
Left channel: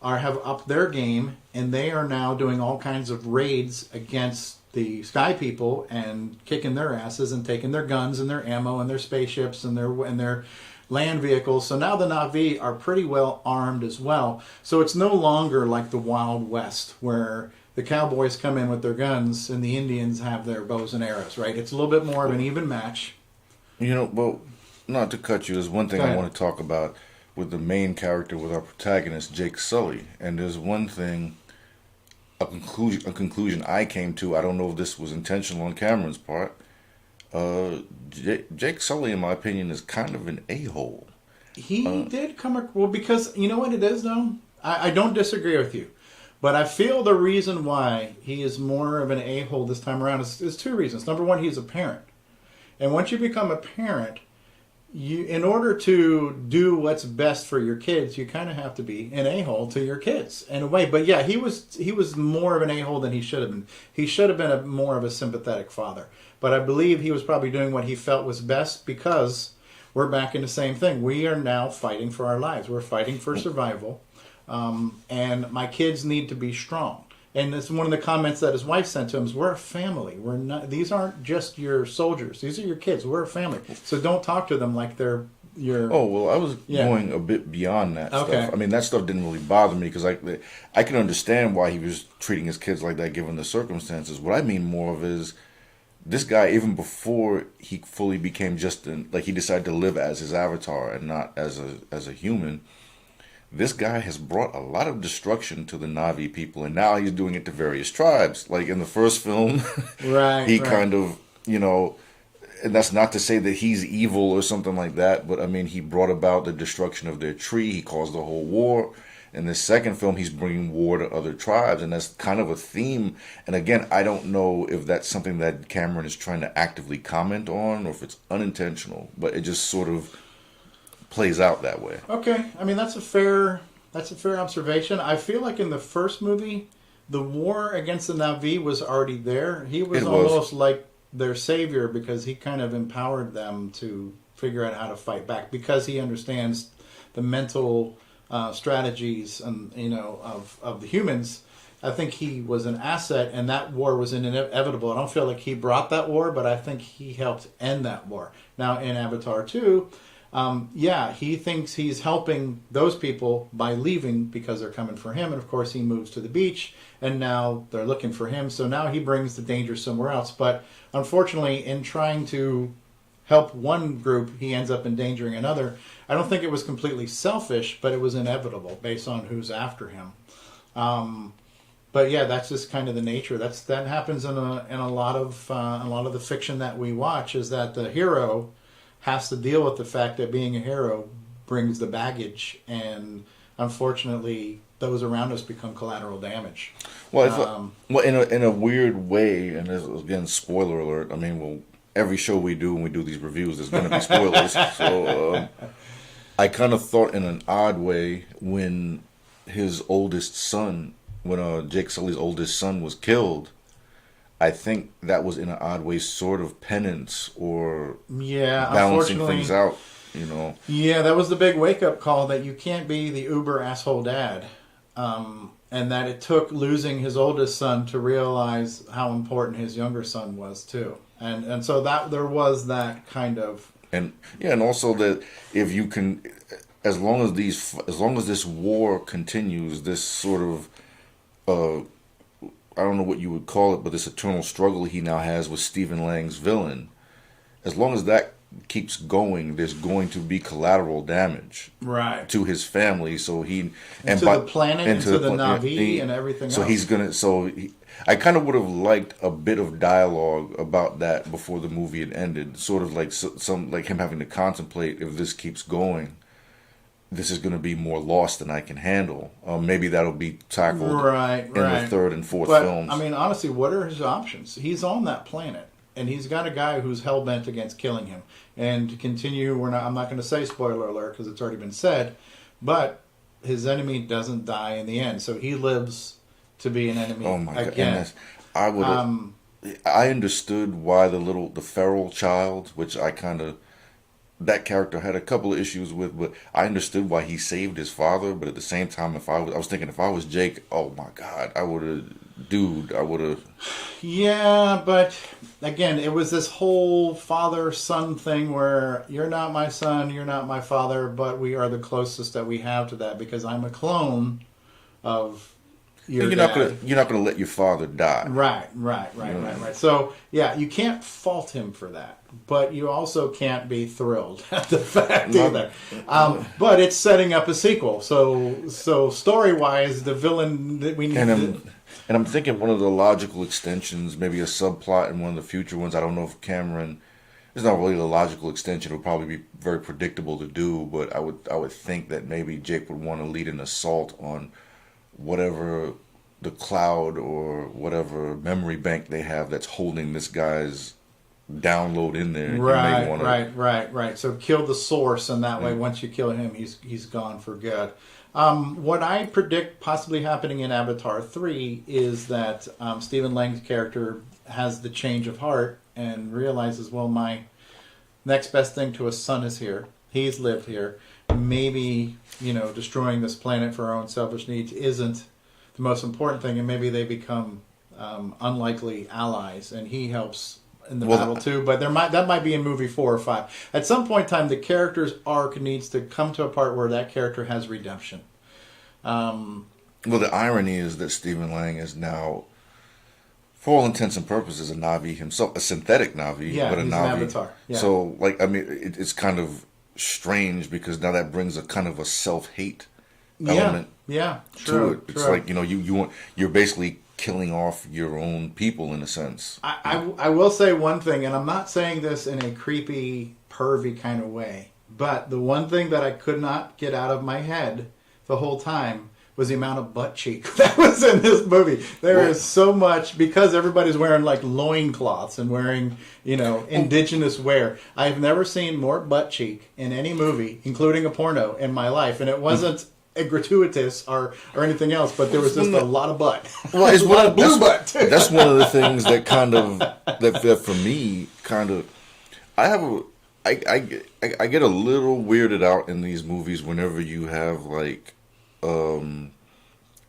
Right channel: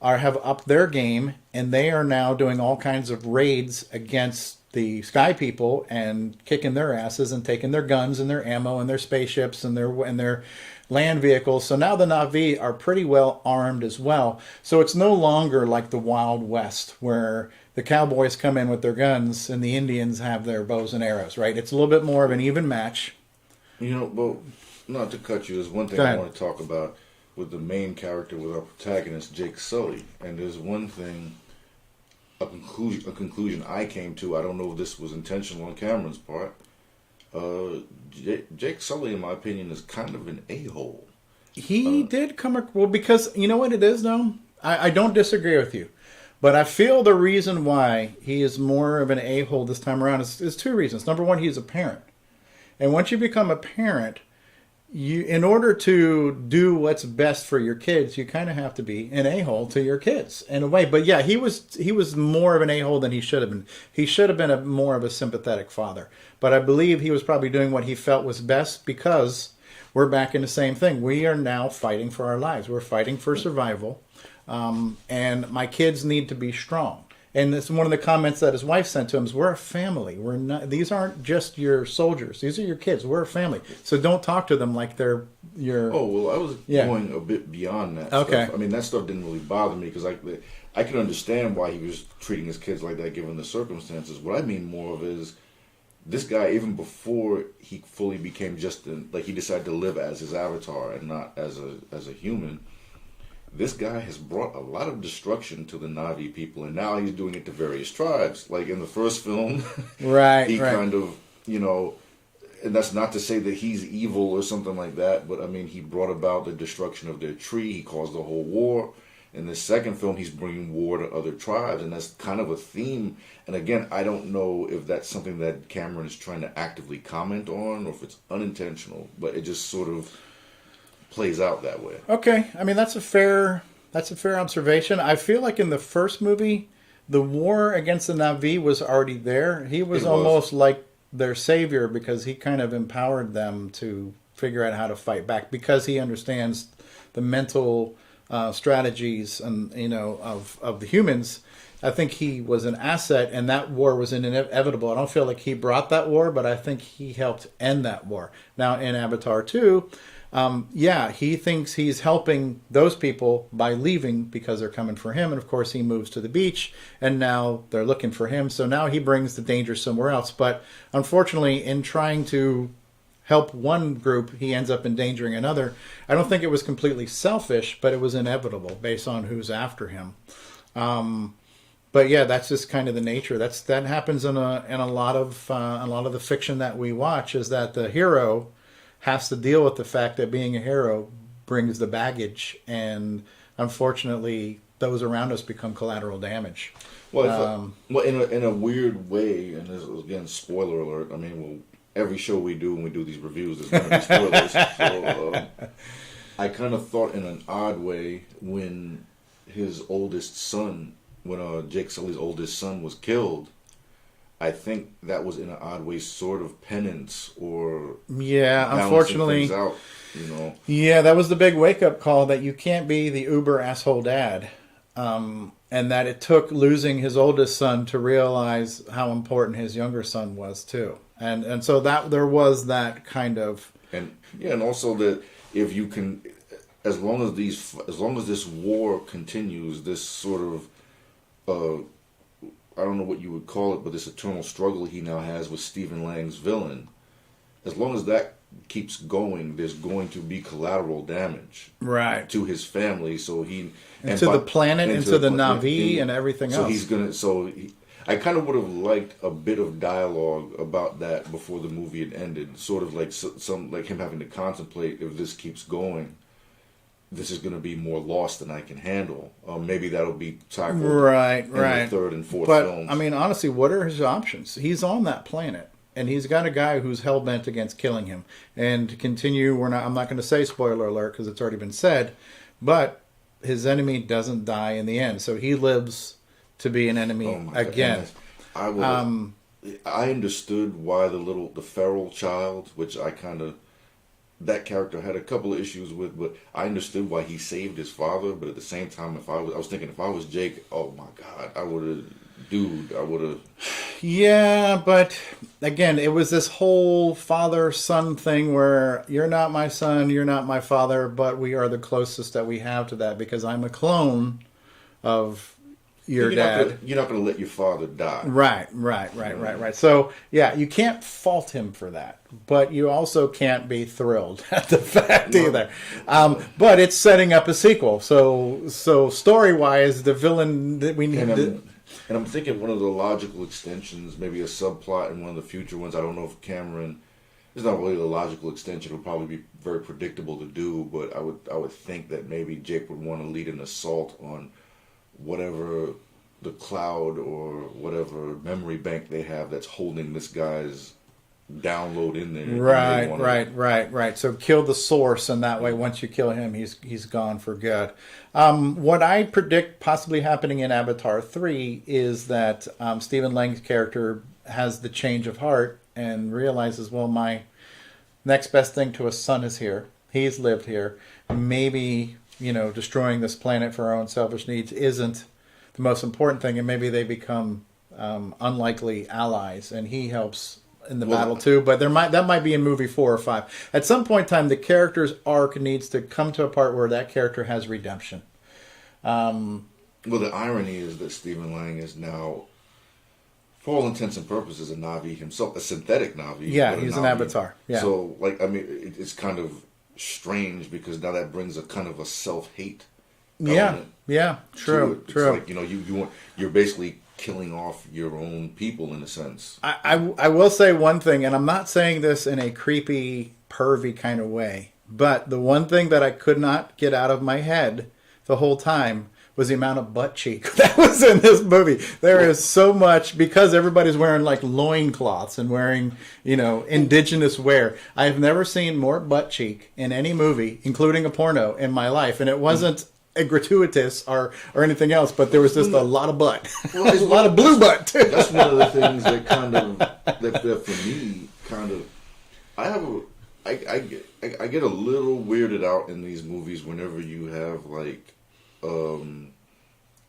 have upped their game, and they are now doing all kinds of raids against the sky people and kicking their asses and taking their guns and their ammo and their spaceships and their land vehicles. So now the Na'vi are pretty well armed as well. So it's no longer like the Wild West where the cowboys come in with their guns and the Indians have their bows and arrows, right? It's a little bit more of an even match. Well, not to cut you, there's one thing I want to talk about with the main character, with our protagonist, Jake Sully. And there's one thing, a conclusion I came to. I don't know if this was intentional on Cameron's part. Jake Sully, in my opinion, is kind of an a-hole. He did come... Well, because, you know what it is, though? I don't disagree with you. But I feel the reason why he is more of an a-hole this time around is two reasons. Number one, he's a parent. And once you become a parent, in order to do what's best for your kids, you kind of have to be an a-hole to your kids in a way. But yeah, he was more of an a-hole than he should have been. He should have been more of a sympathetic father. But I believe he was probably doing what he felt was best, because we're back in the same thing. We are now fighting for our lives. We're fighting for survival. And my kids need to be strong. And this is one of the comments that his wife sent to him: is, we're a family. We're not. These aren't just your soldiers. These are your kids. We're a family. So don't talk to them like they're your... Oh, well, I was going a bit beyond that stuff. I mean, that stuff didn't really bother me, because I can understand why he was treating his kids like that given the circumstances. What I mean more of is, this guy, even before he fully became he decided to live as his avatar and not as a human, this guy has brought a lot of destruction to the Na'vi people, and now he's doing it to various tribes. Like in the first film, he kind of, and that's not to say that he's evil or something like that, but I mean, he brought about the destruction of their tree. He caused the whole war. In the second film, he's bringing war to other tribes, and that's kind of a theme. And again, I don't know if that's something that Cameron is trying to actively comment on, or if it's unintentional, but it just sort of plays out that way. Okay, I mean, that's a fair observation. I feel like in the first movie, the war against the Na'vi was already there. He was almost like their savior, because he kind of empowered them to figure out how to fight back, because he understands the mental strategies and of the humans. I think he was an asset, and that war was inevitable. I don't feel like he brought that war, but I think he helped end that war. Now in Avatar 2, he thinks he's helping those people by leaving, because they're coming for him. And of course he moves to the beach, and now they're looking for him. So now he brings the danger somewhere else. But unfortunately, in trying to help one group, he ends up endangering another. I don't think it was completely selfish, but it was inevitable based on who's after him. But yeah, that's just kind of the nature. That happens in a lot of the fiction that we watch, is that the hero has to deal with the fact that being a hero brings the baggage, and unfortunately, those around us become collateral damage. Well, in a weird way, and this, again, spoiler alert. I mean, well, every show we do when we do these reviews, there's going to be spoilers. So I kind of thought in an odd way when his oldest son, when Jake Sully's oldest son was killed, I think that was in an odd way sort of penance, or unfortunately things out, Yeah, that was the big wake-up call, that you can't be the uber asshole dad. And that it took losing his oldest son to realize how important his younger son was too. And so that there was that kind of... And also that if you can, as long as this war continues, this sort of I don't know what you would call it, but this eternal struggle he now has with Stephen Lang's villain, as long as that keeps going, there's going to be collateral damage to his family. So the planet, into the Na'vi, and everything else. I kind of would have liked a bit of dialogue about that before the movie had ended, sort of like some like him having to contemplate, if this keeps going, this is going to be more loss than I can handle. Maybe that'll be tackled in the third and fourth films. I mean, honestly, what are his options? He's on that planet, and he's got a guy who's hell-bent against killing him. And to continue, I'm not going to say spoiler alert, because it's already been said, but his enemy doesn't die in the end. So he lives to be an enemy again. I understood why the feral child, which that character had a couple of issues with, but I understood why he saved his father. But at the same time, I was thinking, if I was Jake, oh my God, I would have. Yeah, but again, it was this whole father-son thing where you're not my son, you're not my father, but we are the closest that we have to that, because I'm a clone of your dad. You're not gonna let your father die. Right. So yeah, you can't fault him for that, but you also can't be thrilled at the fact either. But it's setting up a sequel, so story wise, the villain that we need. And I'm thinking one of the logical extensions, maybe a subplot in one of the future ones. I don't know if Cameron. It's not really a logical extension. It would probably be very predictable to do, but I would think that maybe Jake would want to lead an assault on whatever the cloud or whatever memory bank they have that's holding this guy's download in there. Right. So kill the source, and that way, once you kill him, he's gone for good. What I predict possibly happening in Avatar 3 is that Stephen Lang's character has the change of heart and realizes, well, my next best thing to a son is here. He's lived here. Maybe, destroying this planet for our own selfish needs isn't the most important thing, and maybe they become unlikely allies, and he helps in the battle too. But that might be in movie 4 or 5. At some point in time, the character's arc needs to come to a part where that character has redemption. Well, the irony is that Stephen Lang is now, for all intents and purposes, a Na'vi himself, a synthetic Na'vi. Yeah, but he's Na'vi. an avatar. Yeah. So, it's kind of strange because now that brings a kind of a self-hate element. Yeah, true. It's like, you're basically killing off your own people in a sense. I will say one thing, and I'm not saying this in a creepy, pervy kind of way, but the one thing that I could not get out of my head the whole time was the amount of butt cheek that was in this movie. There is so much, because everybody's wearing like loincloths and wearing, indigenous wear. I've never seen more butt cheek in any movie, including a porno, in my life. And it wasn't gratuitous or anything else, but there was just a lot of butt. Well, it's a lot of blue butt. That's one of the things that that for me I get a little weirded out in these movies whenever you have like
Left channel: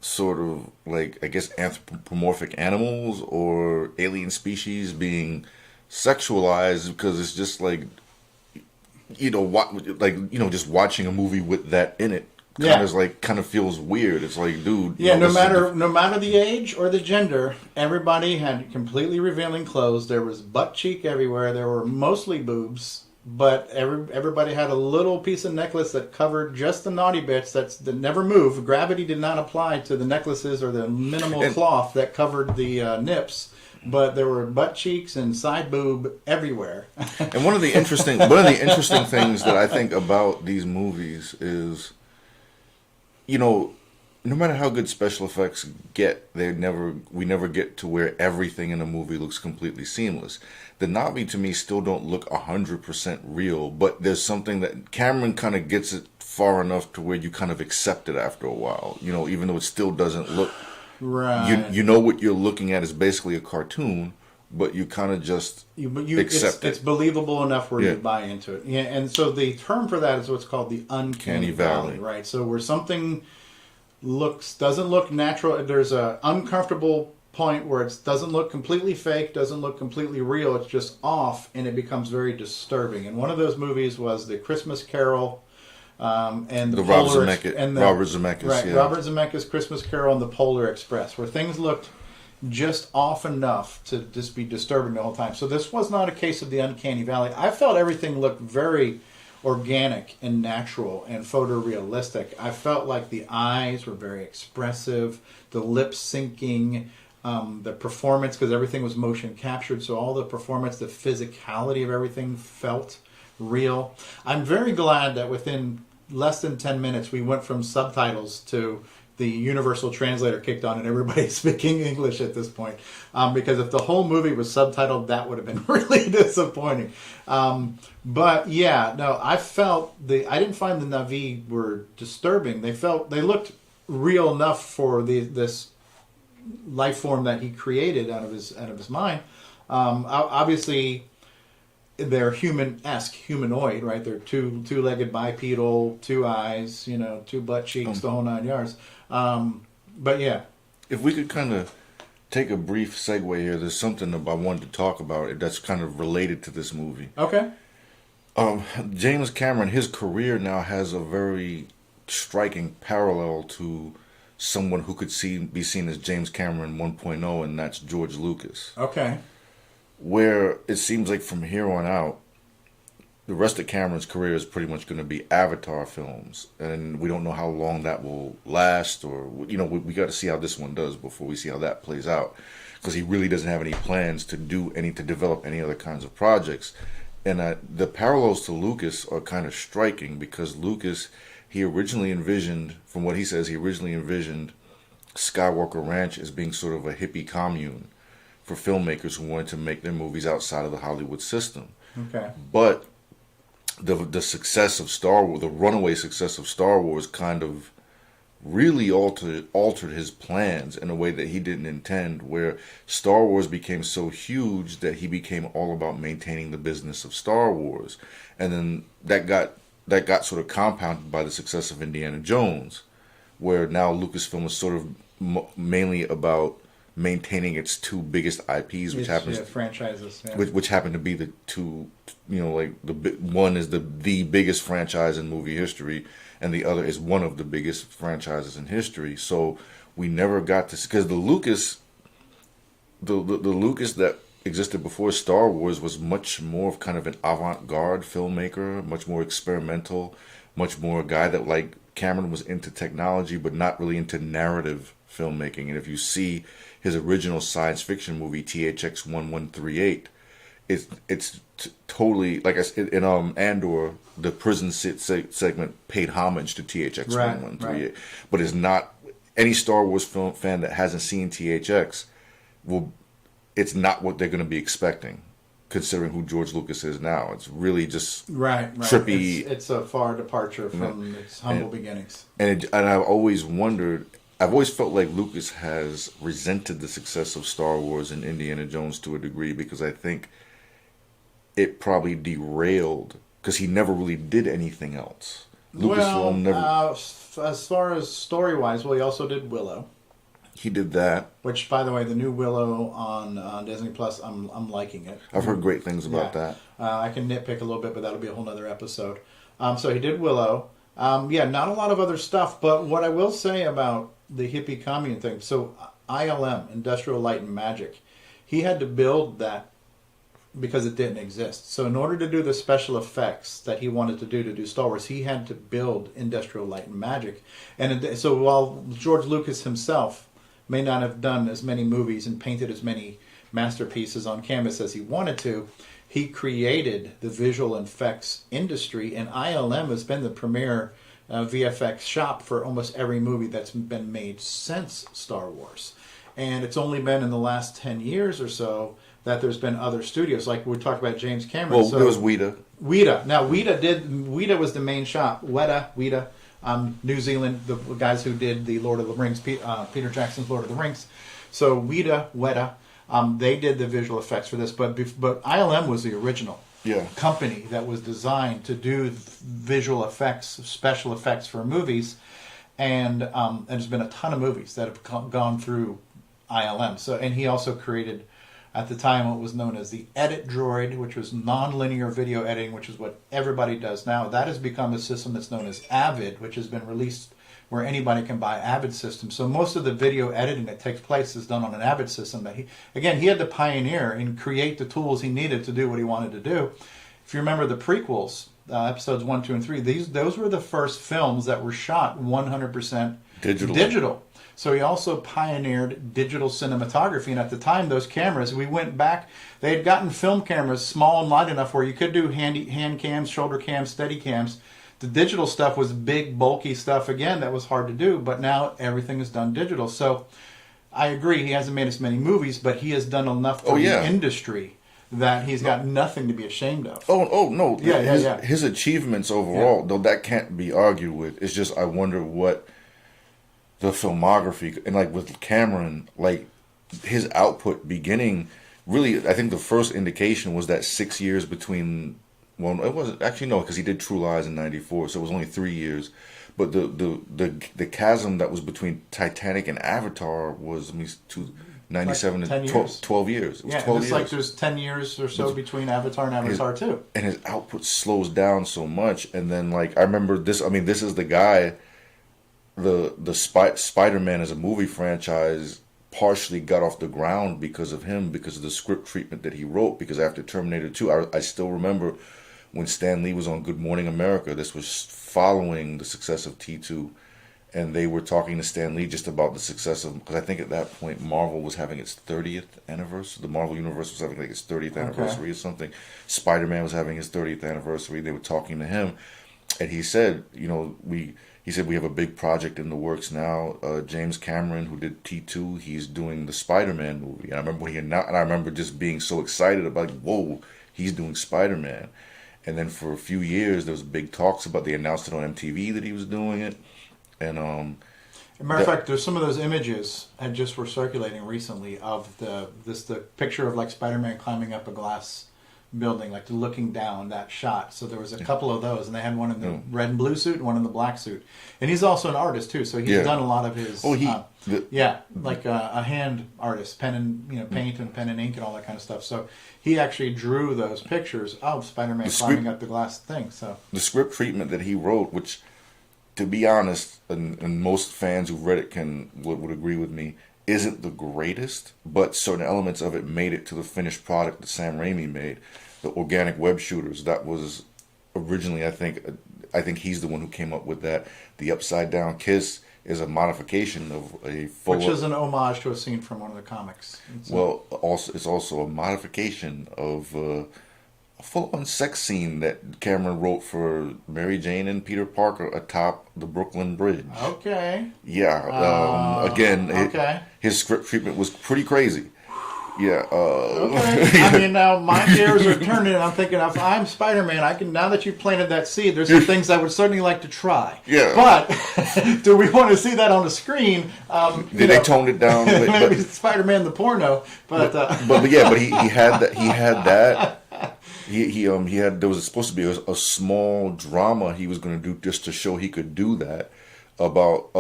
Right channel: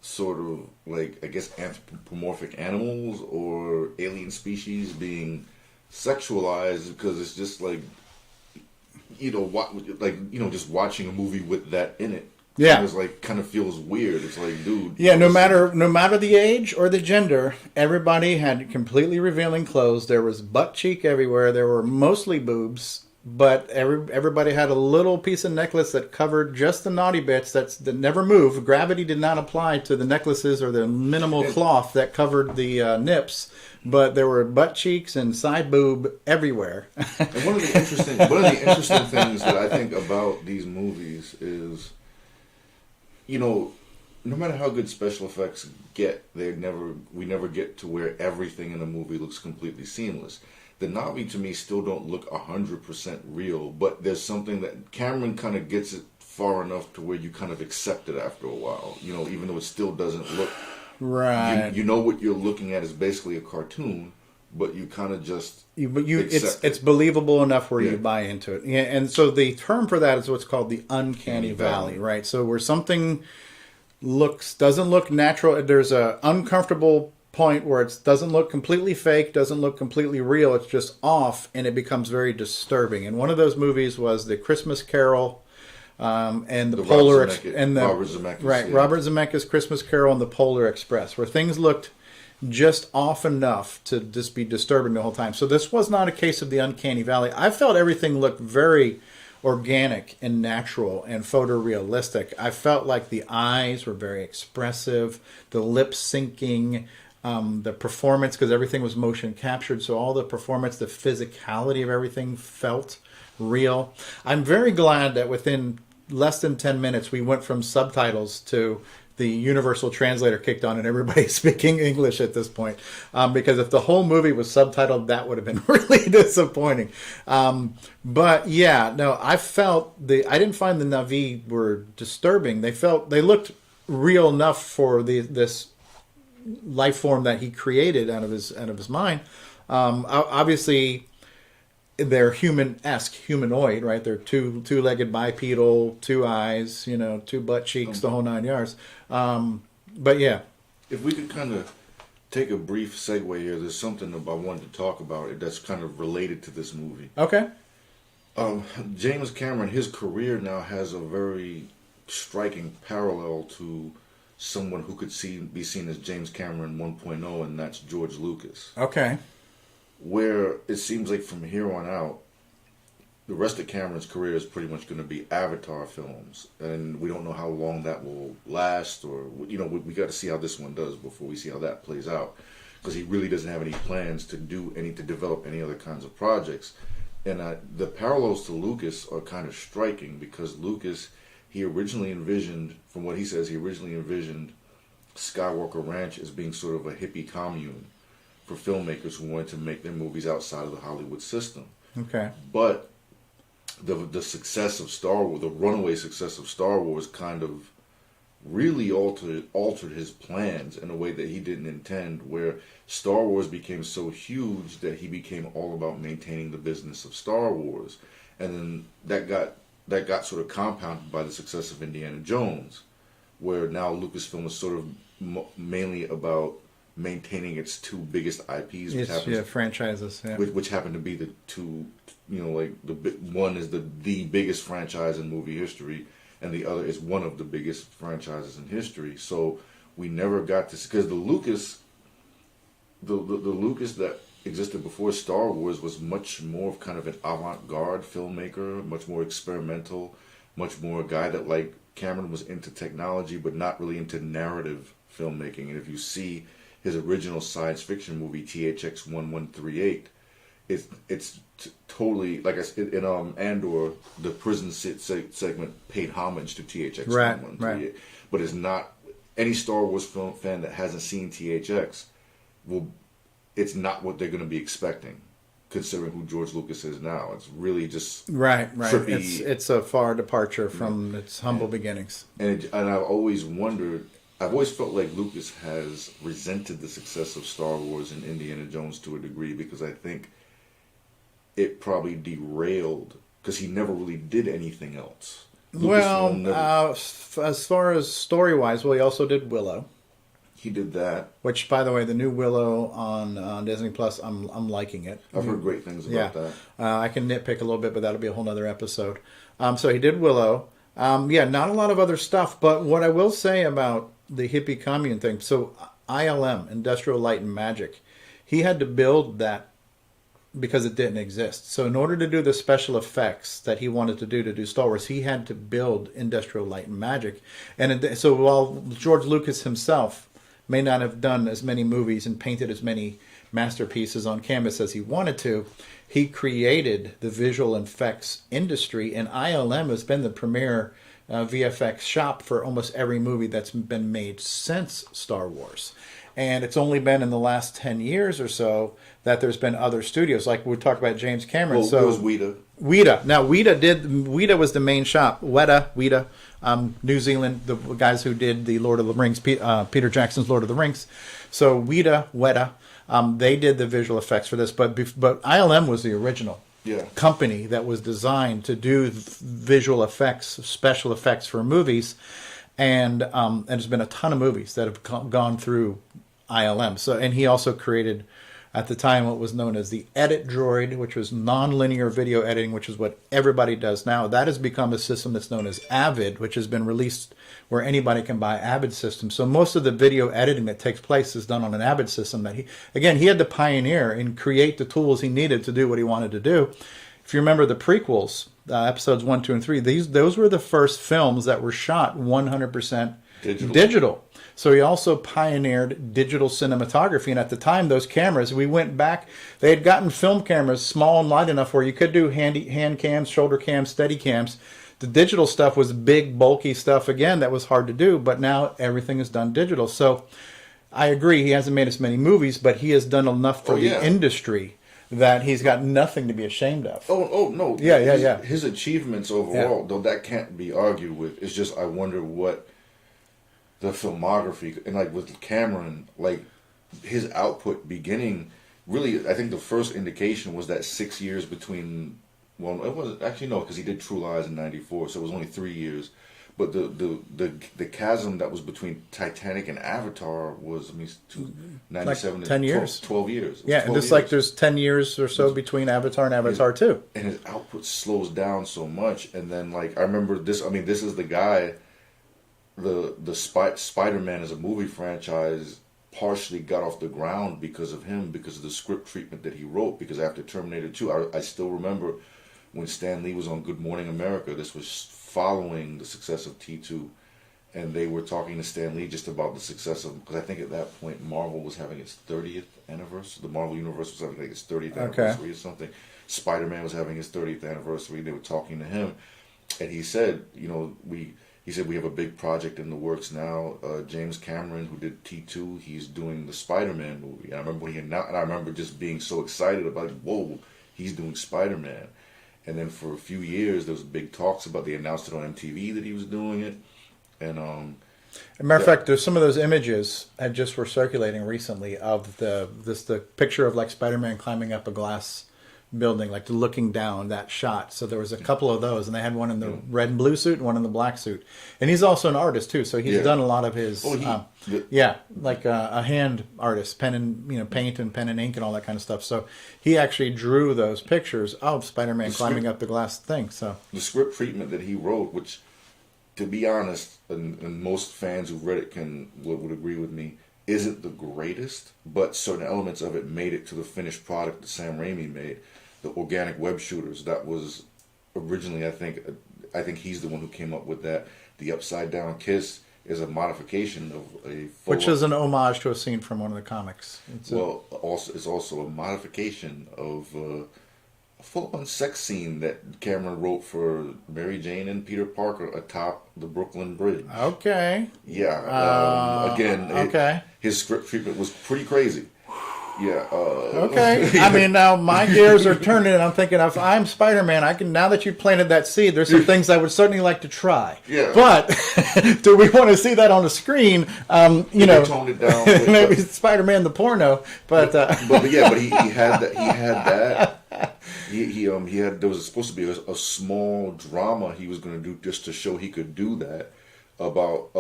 sort of like, I guess, anthropomorphic animals or alien species being sexualized, because it's just like, just watching a movie with that in it. Kind of feels weird. It's like, dude. Yeah, no matter the age or the gender, everybody had completely revealing clothes. There was butt cheek everywhere. There were mostly boobs, but everybody had a little piece of necklace that covered just the naughty bits that never moved. Gravity did not apply to the necklaces or the minimal cloth that covered the nips. But there were butt cheeks and side boob everywhere. And one of the interesting things that I think about these movies is, no matter how good special effects get, we never get to where everything in a movie looks completely seamless. The Na'vi, to me, still don't look 100% real, but there's something that Cameron kind of gets it far enough to where you kind of accept it after a while. Even though it still doesn't look right. You know what you're looking at is basically a cartoon, but you kind of just accept it. It's believable enough where you buy into it. Yeah, and so the term for that is what's called the uncanny valley, right? So where something doesn't look natural, there's a uncomfortable point where it doesn't look completely fake, doesn't look completely real, it's just off, and it becomes very disturbing. And one of those movies was the Christmas Carol and the Polar Robert Zemeckis, right? Yeah. Robert Zemeckis' Christmas Carol and the Polar Express, where things looked just off enough to just be disturbing the whole time. So this was not a case of the uncanny valley. I felt everything looked very organic and natural and photorealistic. I felt like the eyes were very expressive, the lip syncing. The performance, because everything was motion captured, so all the performance, the physicality of everything felt real. I'm very glad that within less than 10 minutes we went from subtitles to the universal translator kicked on and everybody's speaking English at this point. Because if the whole movie was subtitled, that would have been really disappointing. But yeah, no, I didn't find the Na'vi were disturbing. They looked real enough for this life form that he created out of his mind. Obviously, they're human-esque, humanoid, right? They're two-legged bipedal, 2 eyes, 2 butt cheeks, the whole 9 yards. But yeah, if we could kind of take a brief segue here, there's something I wanted to talk about that's kind of related to this movie. Okay. James Cameron, his career now has a very striking parallel to someone who could be seen as James Cameron 1.0, and that's George Lucas. Okay. Where it seems like from here on out, the rest of Cameron's career is pretty much going to be Avatar films, and we don't know how long that will last, or we got to see how this one does before we see how that plays out, because he really doesn't have any plans to develop any other kinds of projects. And the parallels to Lucas are kind of striking, because Lucas, he originally envisioned Skywalker Ranch as being sort of a hippie commune for filmmakers who wanted to make their movies outside of the Hollywood system. Okay. But the success of Star Wars, the runaway success of Star Wars, kind of really altered his plans in a way that he didn't intend, where Star Wars became so huge that he became all about maintaining the business of Star Wars. And then that got sort of compounded by the success of Indiana Jones, where now Lucasfilm is sort of mainly about maintaining its two biggest IPs, franchises, which happen to be the two, one is the biggest franchise in movie history, and the other is one of the biggest franchises in history. So we never got to, because the Lucas that existed before Star Wars was much more of kind of an avant-garde filmmaker, much more experimental, much more a guy that, like Cameron, was into technology but not really into narrative filmmaking. And if you see his original science fiction movie THX 1138, it's totally, like I said, in Andor, the prison segment paid homage to THX 1138, right. But it's not, any Star Wars film fan that hasn't seen THX it's not what they're going to be expecting, considering who George Lucas is now. It's really just trippy. It's a far departure from its humble beginnings. And I've always felt like Lucas has resented the success of Star Wars and Indiana Jones to a degree, because I think it probably derailed, because he never really did anything else. As far as story-wise, he also did Willow. He did that. Which, by the way, the new Willow on Disney Plus, I'm liking it. I've heard great things about that. I can nitpick a little bit, but that'll be a whole other episode. So he did Willow. Not a lot of other stuff, but what I will say about the hippie commune thing, so ILM, Industrial Light and Magic, he had to build that because it didn't exist. So in order to do the special effects that he wanted to do Star Wars, he had to build Industrial Light and Magic. And so while George Lucas himself may not have done as many movies and painted as many masterpieces on canvas as he wanted to, he created the visual effects industry, and ILM has been the premier VFX shop for almost every movie that's been made since Star Wars. And it's only been in the last 10 years or so that there's been other studios. Like we talked about James Cameron. Well, it was Weta. Weta. Now, Weta was the main shop. Weta. New Zealand, the guys who did the Lord of the Rings, Peter Jackson's Lord of the Rings. So Weta, they did the visual effects for this, but ILM was the original company that was designed to do visual effects, special effects for movies, and there's been a ton of movies that have gone through ILM. So, and he also created, at the time, what was known as the Edit Droid, which was non-linear video editing, which is what everybody does now. That has become a system that's known as Avid, which has been released where anybody can buy Avid systems. So most of the video editing that takes place is done on an Avid system that he had to pioneer and create the tools he needed to do what he wanted to do. If you remember the prequels, episodes 1, 2, and 3, those were the first films that were shot 100% digital. So he also pioneered digital cinematography. And at the time, those cameras, we went back, they had gotten film cameras small and light enough where you could do hand cams, shoulder cams, steady cams. The digital stuff was big, bulky stuff, again, that was hard to do. But now everything is done digital. So I agree, he hasn't made as many movies, but he has done enough for the industry that he's got nothing to be ashamed of. Oh no. His achievements overall, though, that can't be argued with. It's just I wonder what the filmography, and like with Cameron, like his output beginning, really, I think the first indication was that 6 years between, well, it wasn't, actually no, because he did True Lies in 94, so it was only 3 years. But the chasm that was between Titanic and Avatar was 97 like 10 years. 12 years. Yeah, 12 years. Like there's 10 years or so between Avatar and Avatar 2. And his output slows down so much. And then, like, I remember this, this is the guy Spider-Man as a movie franchise partially got off the ground because of him, because of the script treatment that he wrote. Because after Terminator 2, I still remember when Stan Lee was on Good Morning America. This was following the success of T2, and they were talking to Stan Lee just about the success of, because I think at that point Marvel was having its 30th anniversary. The Marvel Universe was having like its 30th anniversary or something. Spider-Man was having his 30th anniversary. They were talking to him, and he said, he said, we have a big project in the works now. James Cameron, who did T2, he's doing the Spider-Man movie. And I remember when he announced, and I remember just being so excited about, whoa, he's doing Spider-Man. And then for a few years, there was big talks about, they announced it on MTV that he was doing it. And as a matter of fact, there's some of those images that just were circulating recently of the picture of like Spider-Man climbing up a glass building, like looking down, that shot. So there was a couple of those, and they had one in the red and blue suit and one in the black suit. And he's also an artist too, so he's done a lot of his like a hand artist, pen and paint and pen and ink and all that kind of stuff. So he actually drew those pictures of Spider-Man climbing up the glass thing. So the script treatment that he wrote, which, to be honest, and most fans who've read it would agree with me, isn't the greatest, but certain elements of it made it to the finished product that Sam Raimi made. The organic web shooters, that was originally, I think he's the one who came up with that. The upside down kiss is a modification of a which is an homage to a scene from one of the comics. It's also a modification of a full-on sex scene that Cameron wrote for Mary Jane and Peter Parker atop the Brooklyn Bridge. Okay. Yeah. Again, his script treatment was pretty crazy. Yeah. Okay. I mean, now my gears are turning, and I'm thinking, if I'm Spider-Man, now that you've planted that seed, there's some things I would certainly like to try. Yeah. But do we want to see that on the screen? They toned it down. Maybe Spider-Man the porno, but he had that. He had that. He had, there was supposed to be a small drama he was going to do just to show he could do that, about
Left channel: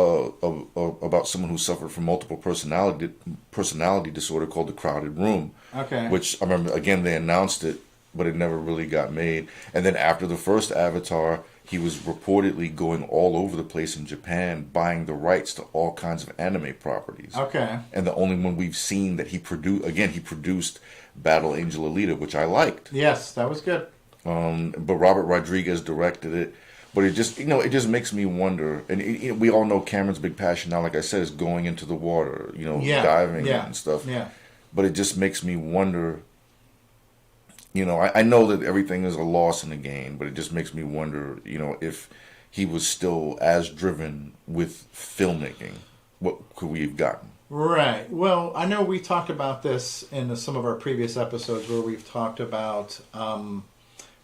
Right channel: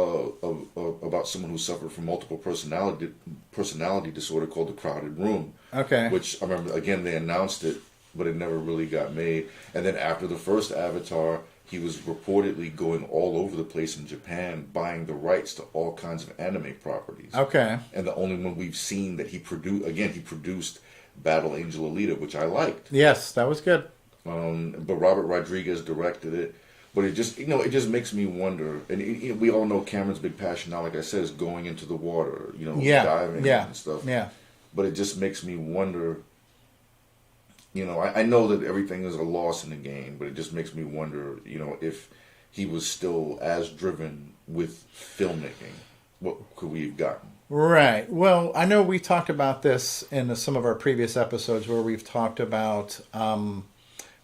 someone who suffered from multiple personality disorder called The Crowded Room. Okay. Which I remember, again, they announced it, but it never really got made. And then after the first Avatar, he was reportedly going all over the place in Japan, buying the rights to all kinds of anime properties. Okay. And the only one we've seen that he produced Battle Angel Alita, which I liked. Yes, that was good. But Robert Rodriguez directed it. But it just makes me wonder. And we all know Cameron's big passion now, like I said, is going into the water, diving and stuff. Yeah. But it just makes me wonder. I know that everything is a loss and a gain, but it just makes me wonder, if he was still as driven with filmmaking, what could we have gotten? Right. Well, I know we talked about this in some of our previous episodes where we've talked about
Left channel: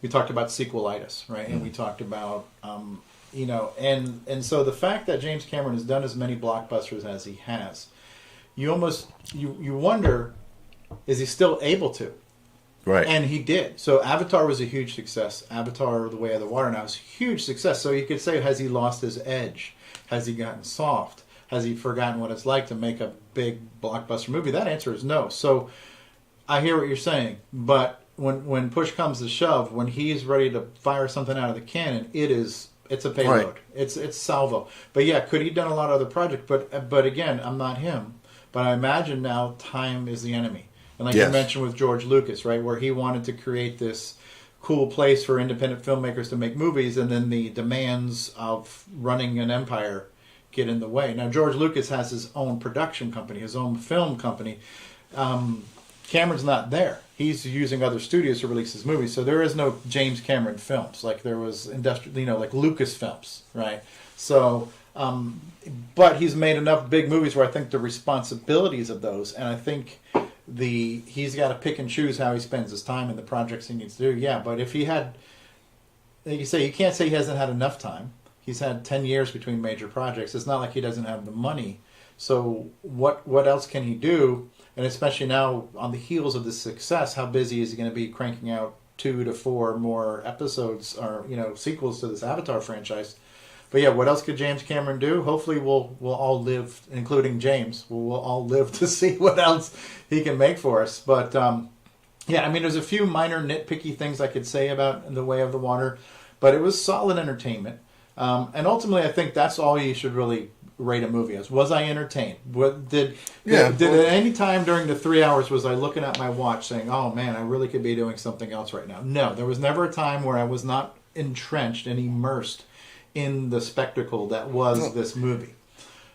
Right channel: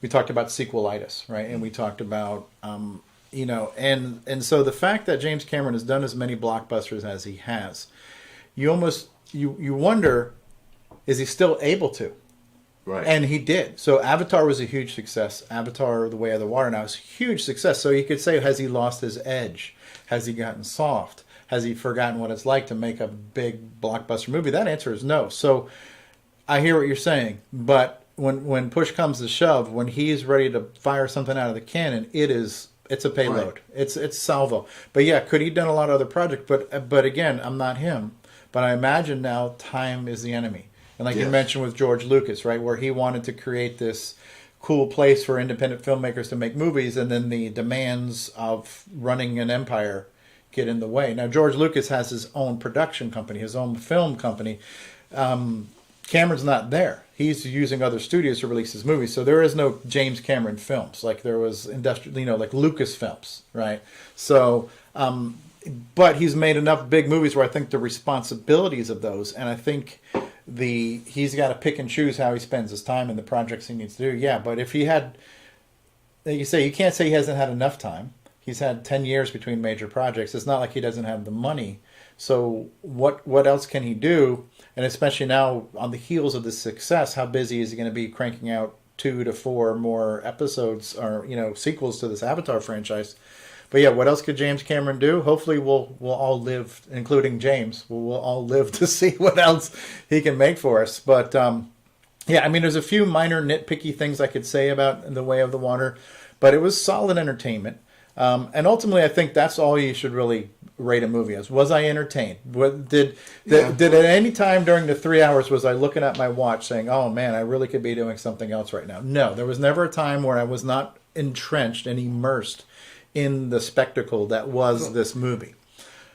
sequelitis, right? And we talked about, and so the fact that James Cameron has done as many blockbusters as he has, you wonder, is he still able to? Right. And he did. So Avatar was a huge success. Avatar, The Way of the Water now is a huge success. So you could say, has he lost his edge? Has he gotten soft? Has he forgotten what it's like to make a big blockbuster movie? That answer is no. So I hear what you're saying, but when push comes to shove, when he's ready to fire something out of the cannon, it's a payload. Right. It's salvo. But yeah, could he have done a lot of other projects? But again, I'm not him. But I imagine now time is the enemy. And like you mentioned with George Lucas, right, where he wanted to create this cool place for independent filmmakers to make movies, and then the demands of running an empire get in the way. Now, George Lucas has his own production company, his own film company. Cameron's not there. He's using other studios to release his movies. So there is no James Cameron films like there was like Lucas films, right? So, but he's made enough big movies where I think the responsibilities of those, and I think he's got to pick and choose how he spends his time and the projects he needs to do. Yeah, but if he had, you can't say he hasn't had enough time. He's had 10 years between major projects. It's not like he doesn't have the money. So what else can he do? And especially now on the heels of this success, how busy is he going to be cranking out 2 to 4 more episodes or sequels to this Avatar franchise? But yeah, what else could James Cameron do? Hopefully we'll all live, including James, we'll all live to see what else he can make for us. But yeah, I mean, there's a few minor nitpicky things I could say about The Way of the Water, but it was solid entertainment. And ultimately, I think that's all you should really rate a movie as. Was I entertained? Did at any time during the 3 hours was I looking at my watch saying, "Oh man, I really could be doing something else right now"? No, there was never a time where I was not entrenched and immersed in the spectacle that was this movie.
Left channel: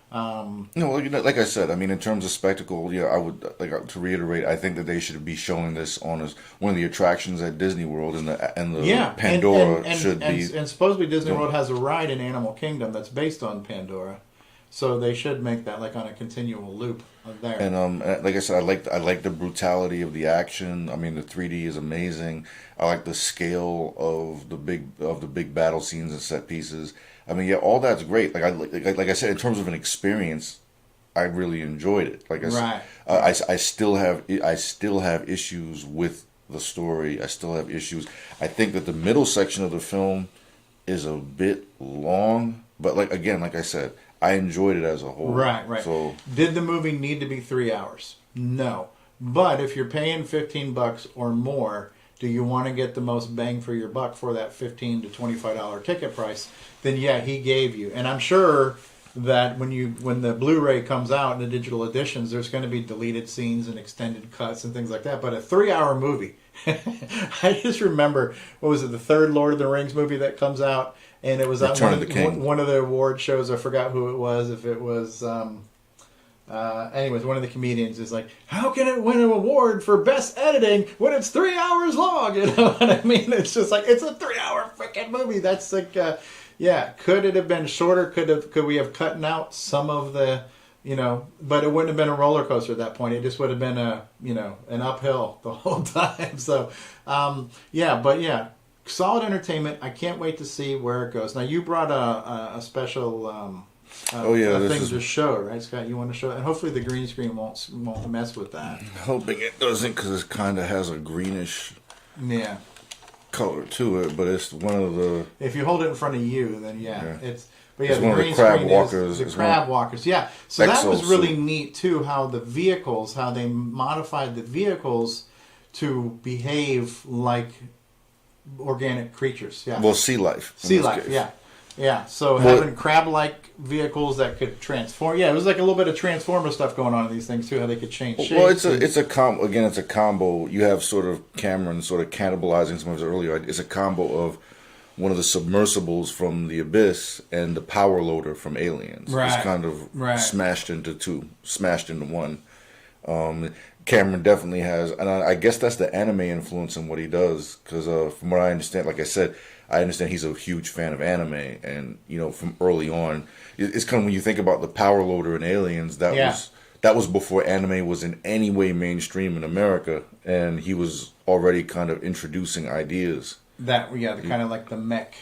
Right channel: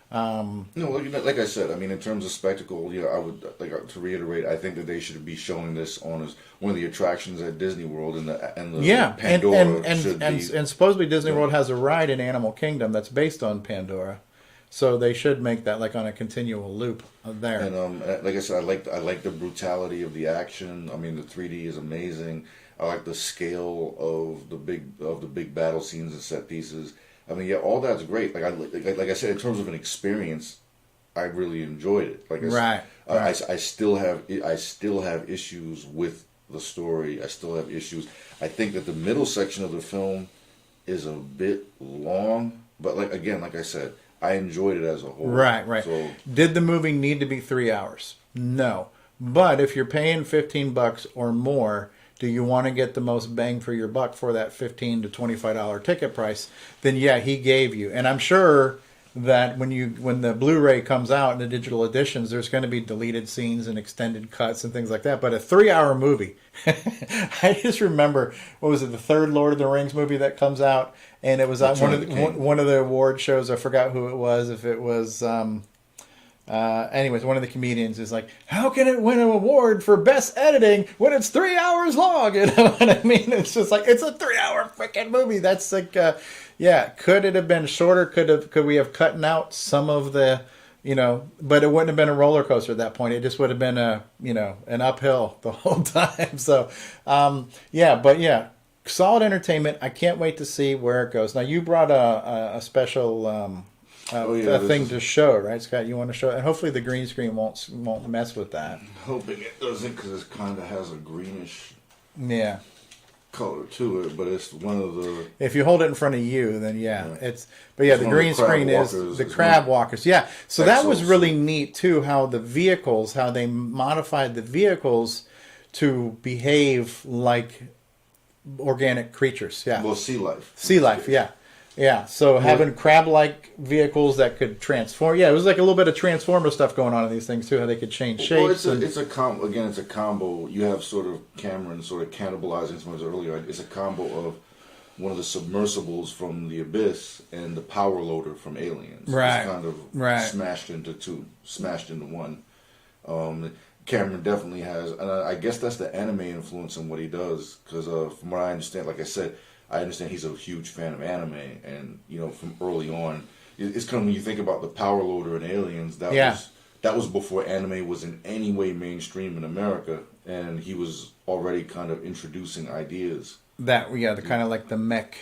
Like I said, I mean, in terms of spectacle, I would like to reiterate. I think that they should be showing this on as one of the attractions at Disney World, and the Pandora should be. And supposedly Disney World has a ride in Animal Kingdom that's based on Pandora, so they should make that like on a continual loop there. And like I said, I like the brutality of the action. I mean, the 3D is amazing. I like the scale of the big battle scenes and set pieces. I mean, all that's great. Like I said, in terms of an experience, I really enjoyed it. Like I still have issues with the story. I still have issues. I think that the middle section of the film is a bit long, but like I said, I enjoyed it as a whole. Right. So, did the movie need to be 3 hours? No, but if you're paying $15 or more, do you want to get the most bang for your buck for that $15 to $25 ticket price? Then yeah, he gave you. And I'm sure that when the Blu-ray comes out in the digital editions, there's going to be deleted scenes and extended cuts and things like that. But a 3-hour movie, I just remember, what was it, the third Lord of the Rings movie that comes out, and it was at one of the award shows. I forgot who it was. If it was. Anyways, one of the comedians is like, how can it win an award for best editing when it's 3 hours long? You know what I mean? It's just like, it's a 3-hour freaking movie. That's like, could it have been shorter? Could we have cut out some of the, but it wouldn't have been a roller coaster at that point. It just would have been an uphill the whole time. So, solid entertainment. I can't wait to see where it goes. Now, you brought a special, thing to show, right, Scott? You want to show it? And hopefully the green screen won't mess with that. I'm hoping it doesn't, because it kind of has a greenish color to it, but it's one of the... If you hold it in front of you, then it's... But yeah, the green screen is the crab walkers. Yeah, so that was really neat, too, how they modified the vehicles to behave like organic creatures. Yeah. Well, sea life. Sea life, yeah. Yeah, so having crab-like vehicles that could transform. Yeah, it was like a little bit of Transformer stuff going on in these things too. How they could change shapes. Well, it's a combo. You have sort of Cameron sort of cannibalizing some of his earlier. It's a combo of one of the submersibles from the Abyss and the power loader from Aliens. Right. It's kind of smashed into one. Cameron definitely has, and I guess that's the anime influence in what he does. Because from what I understand, like I said, I understand he's a huge fan of anime, and from early on, it's kind of when you think about the power loader in Aliens, that was before anime was in any way mainstream in America, and he was already kind of introducing ideas. The kind of like the mech,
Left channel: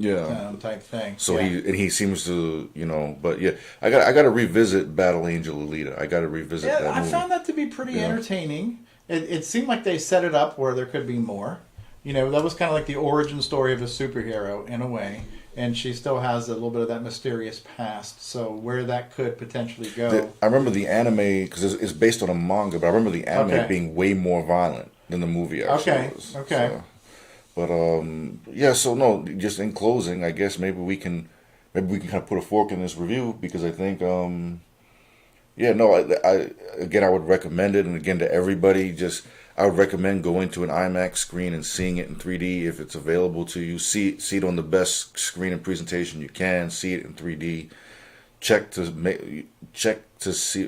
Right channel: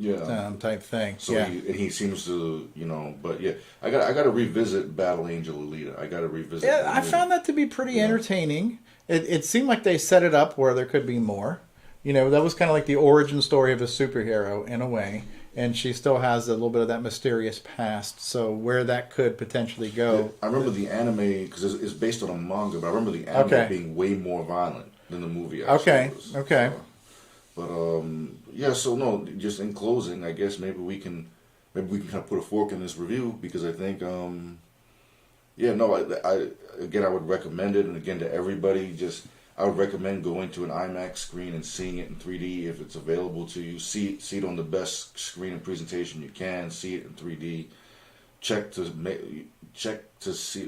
type thing. So he seems to, but I got to revisit Battle Angel Alita. I got to revisit. Yeah, I found that to be pretty entertaining. It seemed like they set it up where there could be more. That was kind of like the origin story of a superhero in a way, and she still has a little bit of that mysterious past. So where that could potentially go. I remember the anime, because it's based on a manga, but I remember the anime being way more violent than the movie actually was. Okay. So, but so no, just in closing, I guess maybe we can kind of put a fork in this review, because I think I would recommend it, and again to everybody, I would recommend going to an IMAX screen and seeing it in 3D if it's available to you. See it on the best screen and presentation you can. See it in 3D.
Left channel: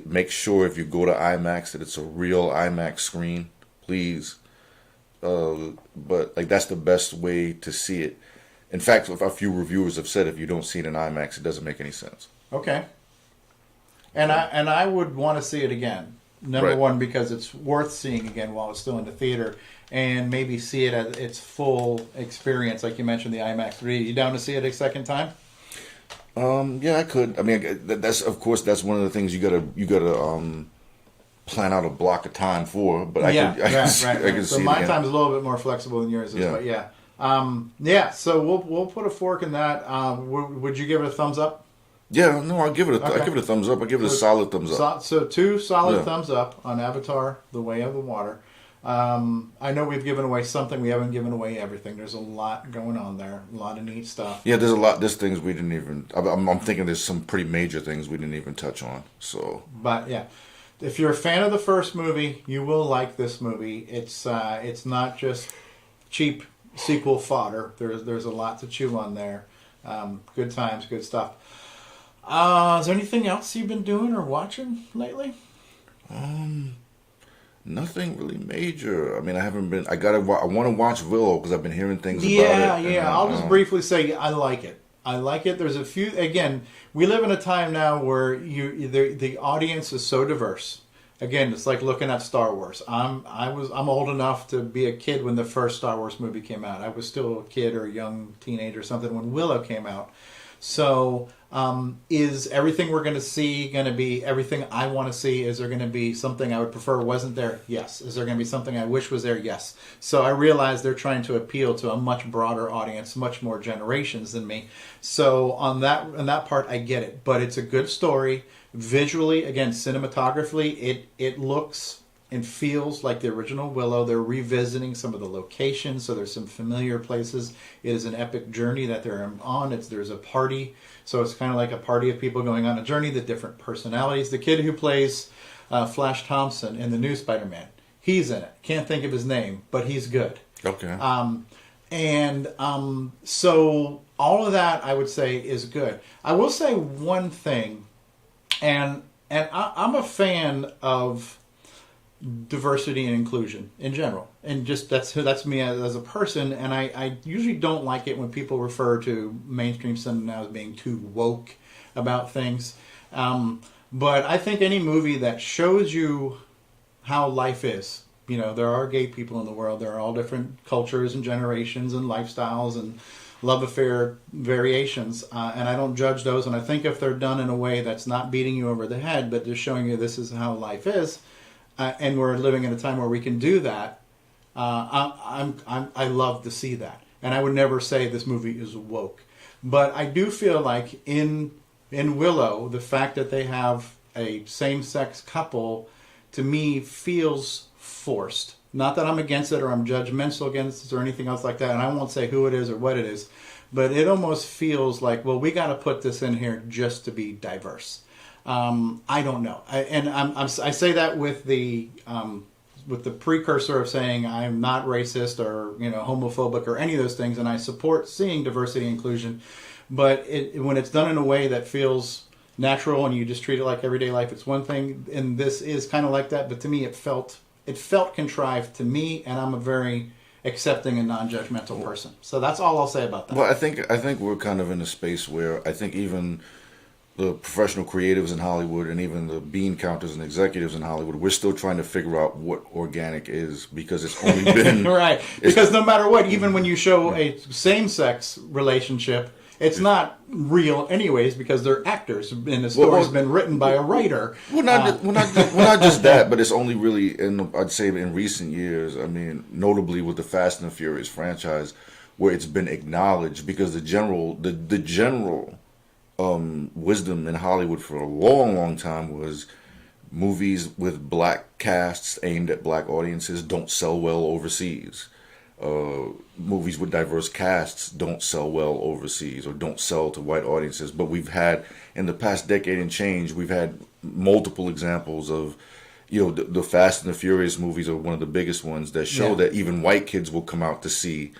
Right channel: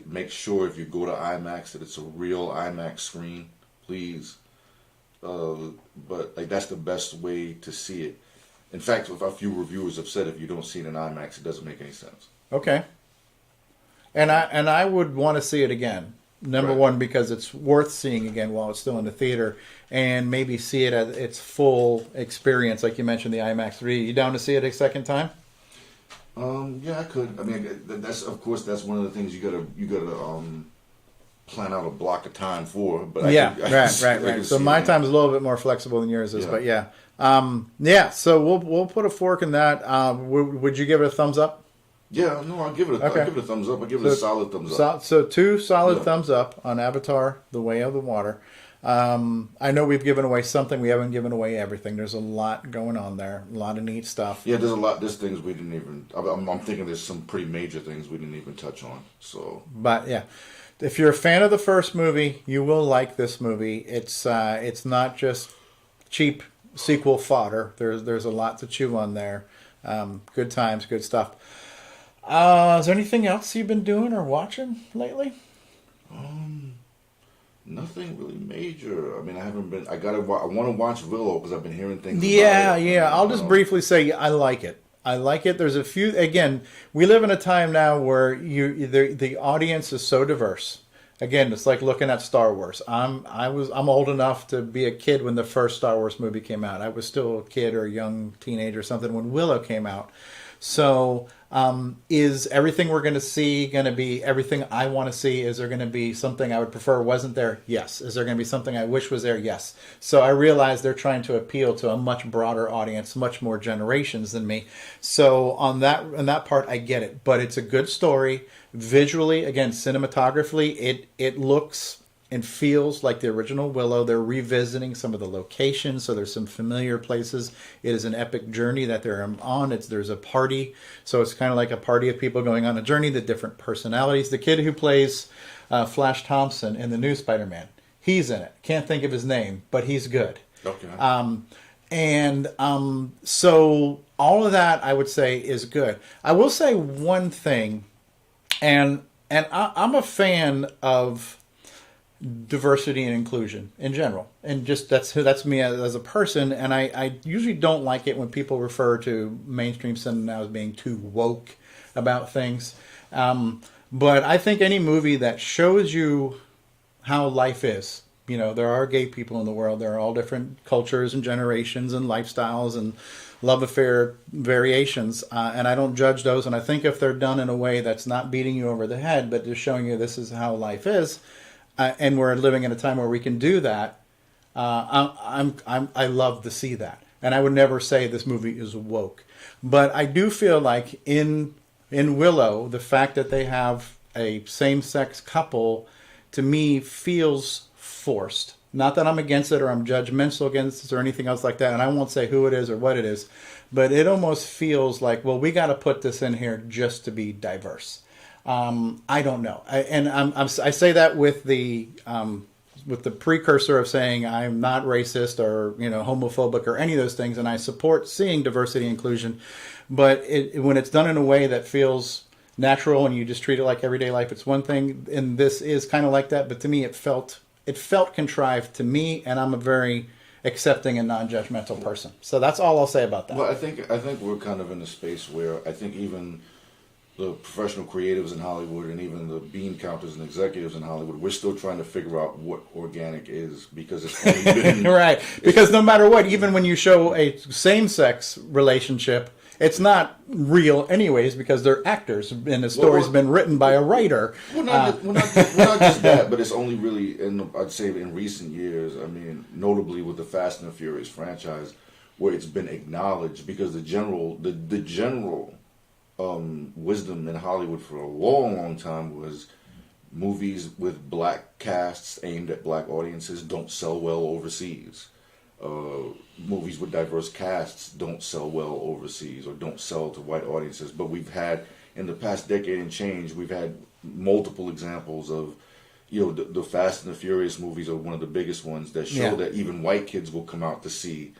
Make sure if you go to IMAX that it's a real IMAX screen, please. But that's the best way to see it. In fact, a few reviewers have said if you don't see it in IMAX, it doesn't make any sense. Okay. And I would want to see it again. Number one, because it's worth seeing again while it's still in the theater, and maybe see it at its full experience, like you mentioned, the IMAX 3D. You down to see it a second time? I could. I mean, that's one of the things you gotta plan out a block of time for. But right. So my time's a little bit more flexible than yours is, but So we'll put a fork in that. Would you give it a thumbs up? Yeah, no, I'll give it a thumbs up. I'll give it a solid thumbs up. So 2 solid thumbs up on Avatar: The Way of the Water. I know we've given away something. We haven't given away everything. There's a lot going on there. A lot of neat stuff. Yeah, there's a lot. There's things we didn't even. I'm thinking there's some pretty major things we didn't even touch on. So, but yeah, if you're a fan of the first movie, you will like this movie. It's not just cheap sequel fodder. There's a lot to chew on there. Good times, good stuff. Is there anything else you've been doing or watching lately? Nothing really major. I mean, I haven't been. I want to watch Willow because I've been hearing things. Yeah, about it. yeah. I'll just briefly say I like it. I like it. There's a few. Again, we live in a time now where the audience is so diverse. Again, it's like looking at Star Wars. I'm old enough to be a kid when the first Star Wars movie came out. I was still a kid or a young teenager or something when Willow came out. So, is everything we're going to see going to be everything I want to see? Is there going to be something I would prefer wasn't there? Yes. Is there going to be something I wish was there? Yes. So I realize they're trying to appeal to a much broader audience, much more generations than me. So on that part, I get it. But it's a good story. Visually, again, cinematographically, it looks and feels like the original Willow. They're revisiting some of the locations, so there's some familiar places. It is an epic journey that they're on. There's a party, so it's kind of like a party of people going on a journey, the different personalities. The kid who plays Flash Thompson in the new Spider-Man, he's in it. Can't think of his name, but he's good. Okay. So all of that, I would say, is good. I will say one thing, and I'm a fan of diversity and inclusion in general, and just that's me as a person. And I usually don't like it when people refer to mainstream cinema now as being too woke about things. But I think any movie that shows you how life is, there are gay people in the world, there are all different cultures and generations and lifestyles and love affair variations, and I don't judge those. And I think if they're done in a way that's not beating you over the head, but just showing you this is how life is, and we're living in a time where we can do that, I love to see that. And I would never say this movie is woke, but I do feel like in Willow, the fact that they have a same-sex couple, to me, feels forced. Not that I'm against it or I'm judgmental against it or anything else like that, and I won't say who it is or what it is, but it almost feels like, well, we got to put this in here just to be diverse. I don't know, I say that with the precursor of saying I'm not racist or homophobic or any of those things, and I support seeing diversity and inclusion, but when it's done in a way that feels natural and you just treat it like everyday life, it's one thing, and this is kind of like that. But to me, it felt contrived to me, and I'm a very accepting and non-judgmental person. So that's all I'll say about that. Well, I think we're kind of in a space where I think even the professional creatives in Hollywood and even the bean counters and executives in Hollywood, we're still trying to figure out what organic is, because it's only been right. Because no matter what, even when you show a same-sex relationship, it's not real anyways, because they're actors and the story's been written by a writer. Well, not just that, but it's only really, I'd say in recent years, I mean, notably with the Fast and the Furious franchise, where it's been acknowledged, because the general wisdom in Hollywood for a long, long time was movies with black casts aimed at black audiences don't sell well overseas. Movies with diverse casts don't sell well overseas or don't sell to white audiences. But we've had, in the past decade and change, we've had multiple examples of, the Fast and the Furious movies are one of the biggest ones that show that even white kids will come out to see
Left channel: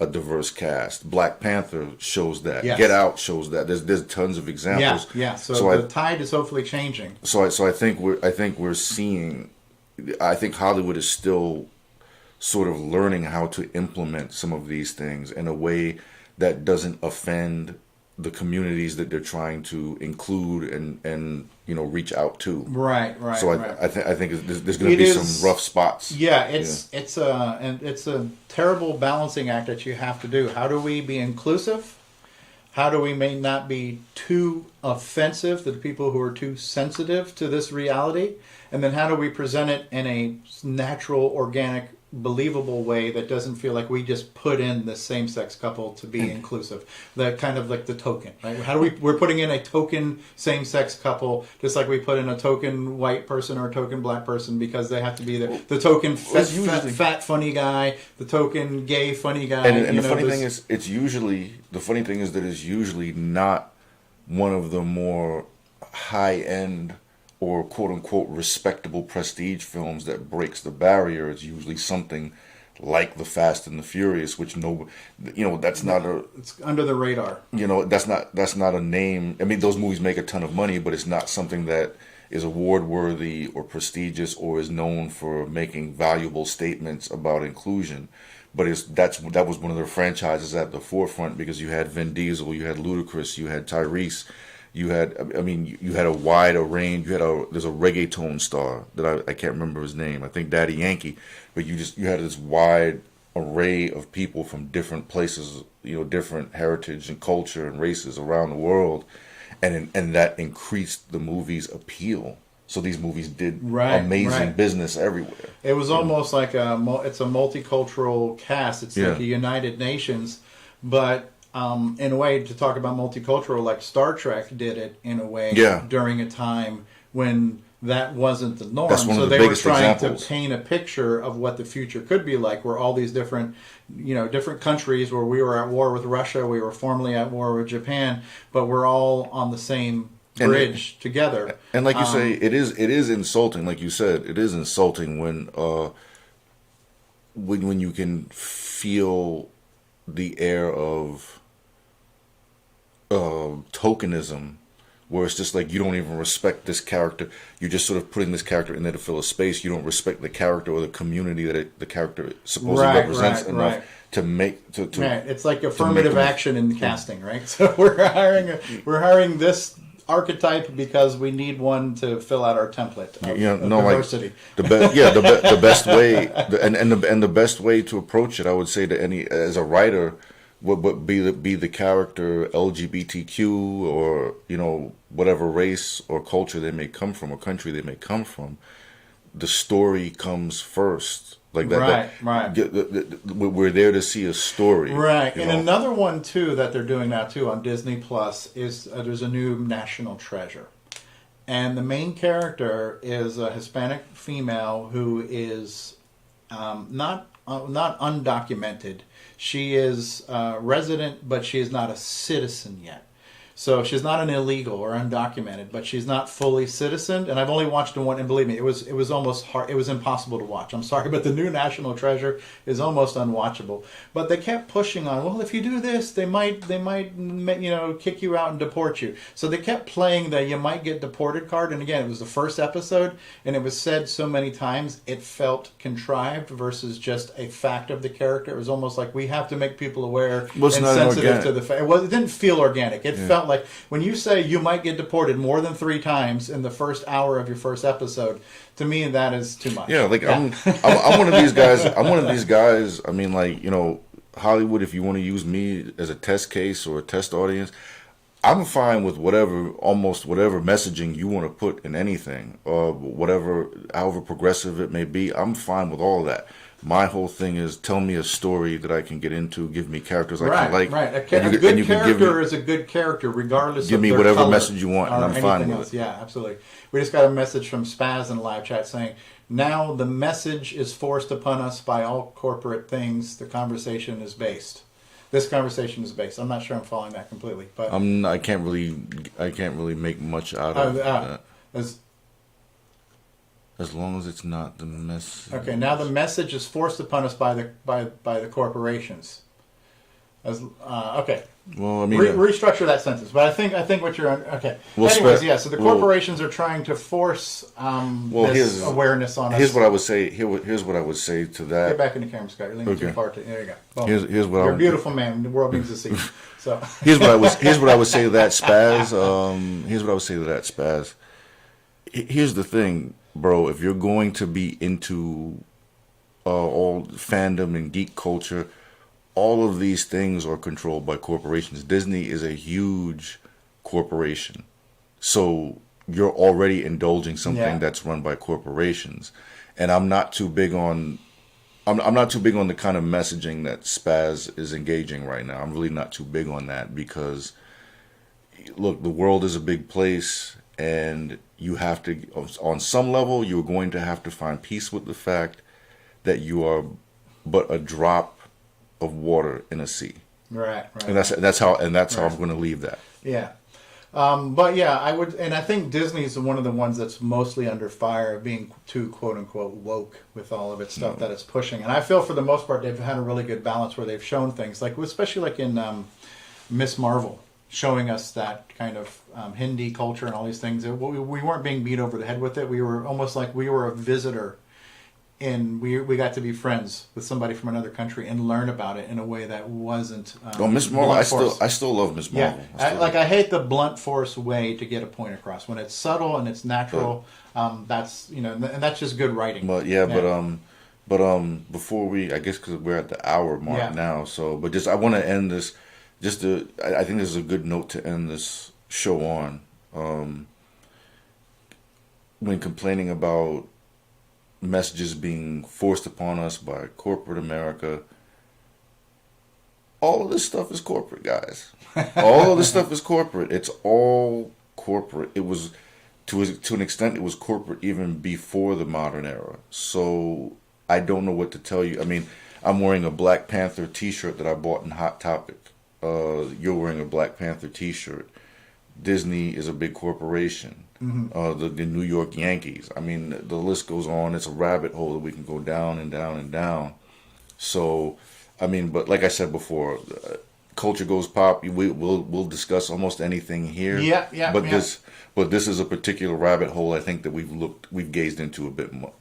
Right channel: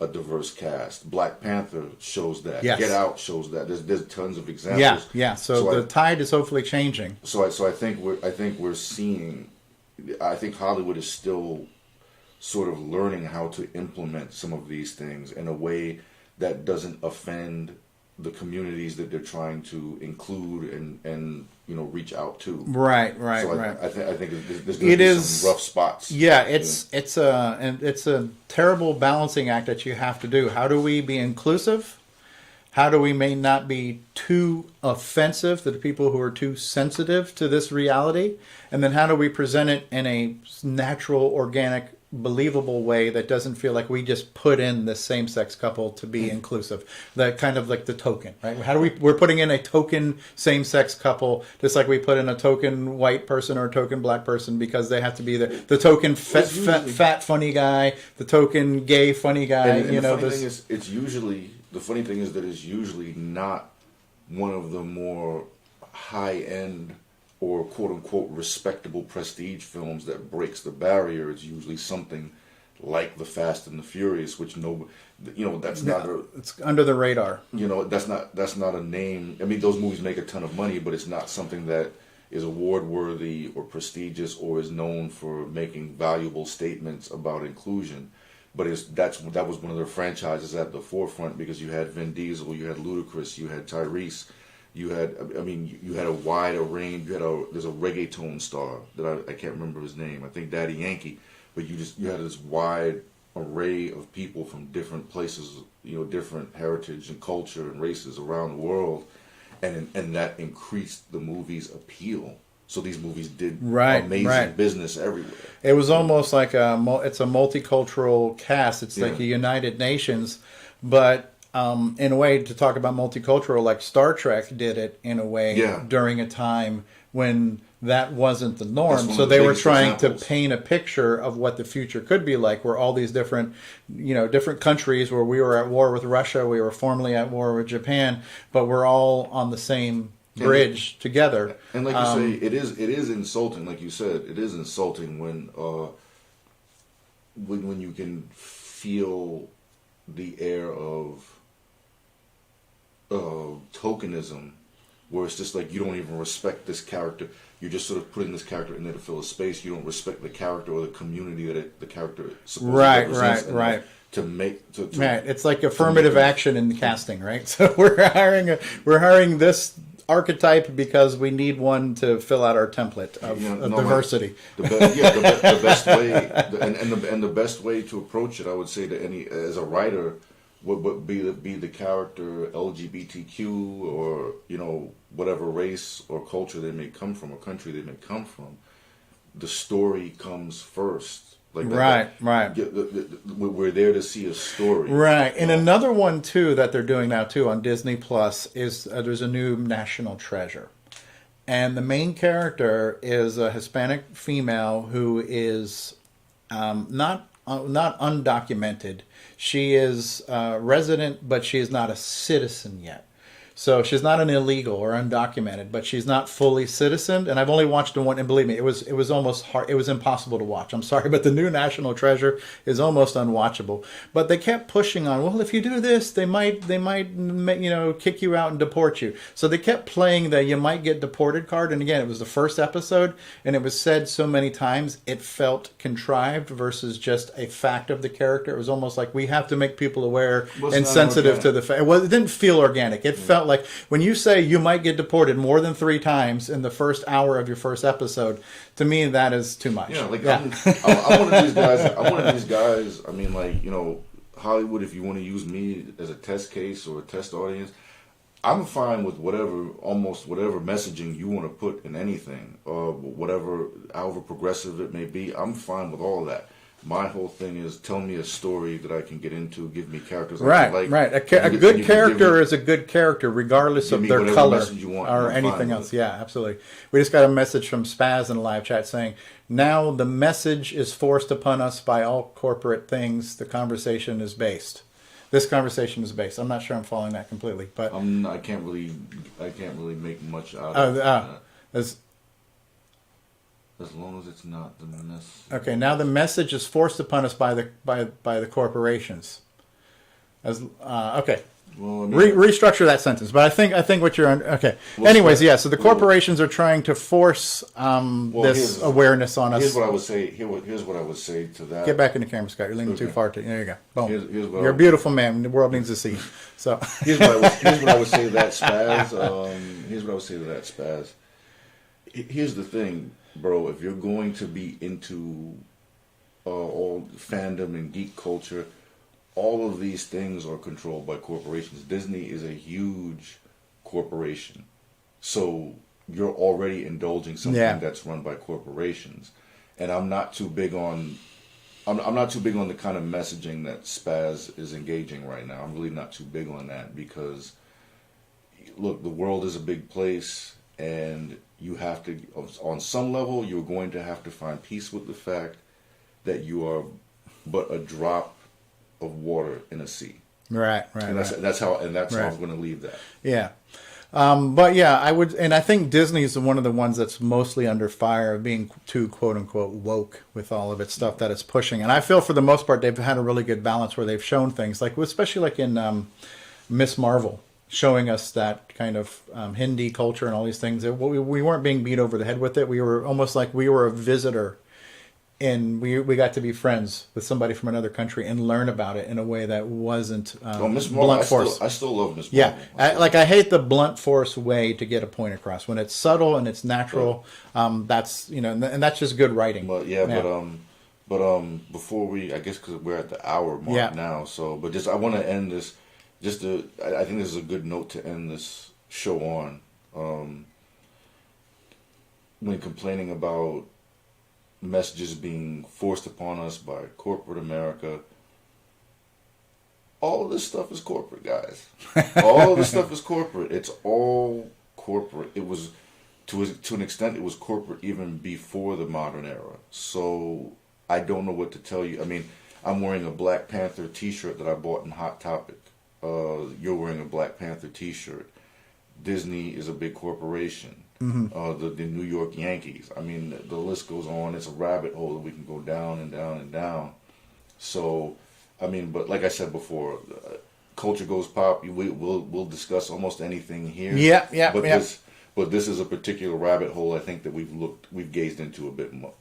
a diverse cast. Black Panther shows that. Yes. Get Out shows that. There's tons of examples. Yeah. So the tide is hopefully changing. So I think we're seeing. I think Hollywood is still sort of learning how to implement some of these things in a way that doesn't offend the communities that they're trying to include and reach out to. Right. So I think there's going to be some rough spots. Yeah, it's a terrible balancing act that you have to do. How do we be inclusive? How do we may not be too offensive to the people who are too sensitive to this reality? And then how do we present it in a natural, organic believable way that doesn't feel like we just put in the same-sex couple to be inclusive. That kind of like the token, right? How do we're putting in a token same-sex couple, just like we put in a token white person or a token black person, because they have to be the token fat funny guy, the token gay funny guy. And the funny thing is, the funny thing is that it's usually not one of the more high-end or quote-unquote respectable prestige films that breaks the barrier. It's usually something like The Fast and the Furious, which that's not it's under the radar. That's not a name. I mean, those movies make a ton of money, but it's not something that is award-worthy or prestigious or is known for making valuable statements about inclusion. But that was one of their franchises at the forefront, because you had Vin Diesel, you had Ludacris, you had Tyrese. You had a wide range. There's a reggaeton star that I can't remember his name. I think Daddy Yankee. But you had this wide array of people from different places, different heritage and culture and races around the world, and that increased the movie's appeal. So these movies did amazing business everywhere. It was almost like it's a multicultural cast. It's like a United Nations, but. In a way, to talk about multicultural, like Star Trek did it in a way during a time when that wasn't the norm. So they were trying to paint a picture of what the future could be like, where all these different countries, where we were at war with Russia, we were formerly at war with Japan, but we're all on the same bridge together. And like you say, it is insulting. Like you said, it is insulting when you can feel the air of tokenism, where it's just like you don't even respect this character. You're just sort of putting this character in there to fill a space. You don't respect the character or the community that the character supposedly represents enough to make to right. It's like affirmative action in the casting, right? So we're hiring this archetype because we need one to fill out our template of diversity. The best way, and the best way to approach it, I would say, as a writer, would be the character LGBTQ or whatever race or culture they may come from or country they may come from. The story comes first. Like that, we're there to see a story, right? And another one too that they're doing now too on Disney Plus is there's a new National Treasure, and the main character is a Hispanic female who is not undocumented. She is resident, but she is not a citizen yet. So she's not an illegal or undocumented, but she's not fully citizened. And I've only watched the one, and believe me, it was almost hard. It was impossible to watch. I'm sorry, but the new National Treasure is almost unwatchable. But they kept pushing on. Well, if you do this, they might kick you out and deport you. So they kept playing the "you might get deported" card. And again, it was the first episode, and it was said so many times it felt contrived versus just a fact of the character. It was almost like we have to make people aware and sensitive to the fact. It didn't feel organic. It felt like when you say you might get deported more than 3 times in the first hour of your first episode, to me that is too much. I'm one of these guys. I mean, Hollywood, if you want to use me as a test case or a test audience, I'm fine with almost whatever messaging you want to put in anything, however progressive it may be. I'm fine with all of that. My whole thing is tell me a story that I can get into, give me characters I can like. Right. A good character is a good character regardless of their color. Give me whatever message you want, or anything else. Yeah, absolutely. We just got a message from Spaz in the live chat saying, now the message is forced upon us by all corporate things. The conversation is based. This conversation is based. I'm not sure I'm following that completely, but I can't really make much out of that. As long as it's not the message. Okay, now the message is forced upon us by the corporations. Okay. Well, I mean, restructure that sentence. But I think what you're okay. Well, anyways, so the corporations are trying to force this awareness on us. Here's what I would say. Here's what I would say to that. Get back in the camera, Scott. You're leaning too far. There you go. Boom. Here's what you're a beautiful man. The world needs to see you. So here's what I would say to that, Spaz. Here's what I would say to that, Spaz. Here's the thing, bro. If you're going to be into all fandom and geek culture, all of these things are controlled by corporations. Disney is a huge corporation. So you're already indulging something that's run by corporations. And I'm not too big on I'm not too big on the kind of messaging that Spaz is engaging right now. I'm really not too big on that because, look, the world is a big place, and you have to, on some level, you're going to have to find peace with the fact that you are but a drop of water in a sea. Right. And that's how I'm going to leave that. Yeah. But yeah, I would, and I think Disney is one of the ones that's mostly under fire of being too quote unquote woke with all of its stuff that it's pushing. And I feel for the most part they've had a really good balance where they've shown things like, especially like in Miss Marvel, showing us that kind of Hindi culture and all these things. We weren't being beat over the head with it. We were almost like we were a visitor. And we got to be friends with somebody from another country and learn about it in a way that wasn't. Miss Marvel, I still love Miss Marvel. Yeah, I hate the blunt force way to get a point across. When it's subtle and it's natural, that's and that's just good writing. But before I guess because we're at the hour mark now. So, but I want to end this. I think this is a good note to end this show on. When complaining about messages being forced upon us by corporate America. All of this stuff is corporate, guys. All of this stuff is corporate. It's all corporate. It was, to an extent, it was corporate even before the modern era. So I don't know what to tell you. I mean, I'm wearing a Black Panther t-shirt that I bought in Hot Topic. You're wearing a Black Panther t-shirt. Disney is a big corporation. Mm-hmm. The New York Yankees. I mean, the list goes on. It's a rabbit hole that we can go down and down and down. So, I mean, but like I said before, culture goes pop. We'll discuss almost anything here. Yeah. But this is a particular rabbit hole. I think that we've gazed into a bit more,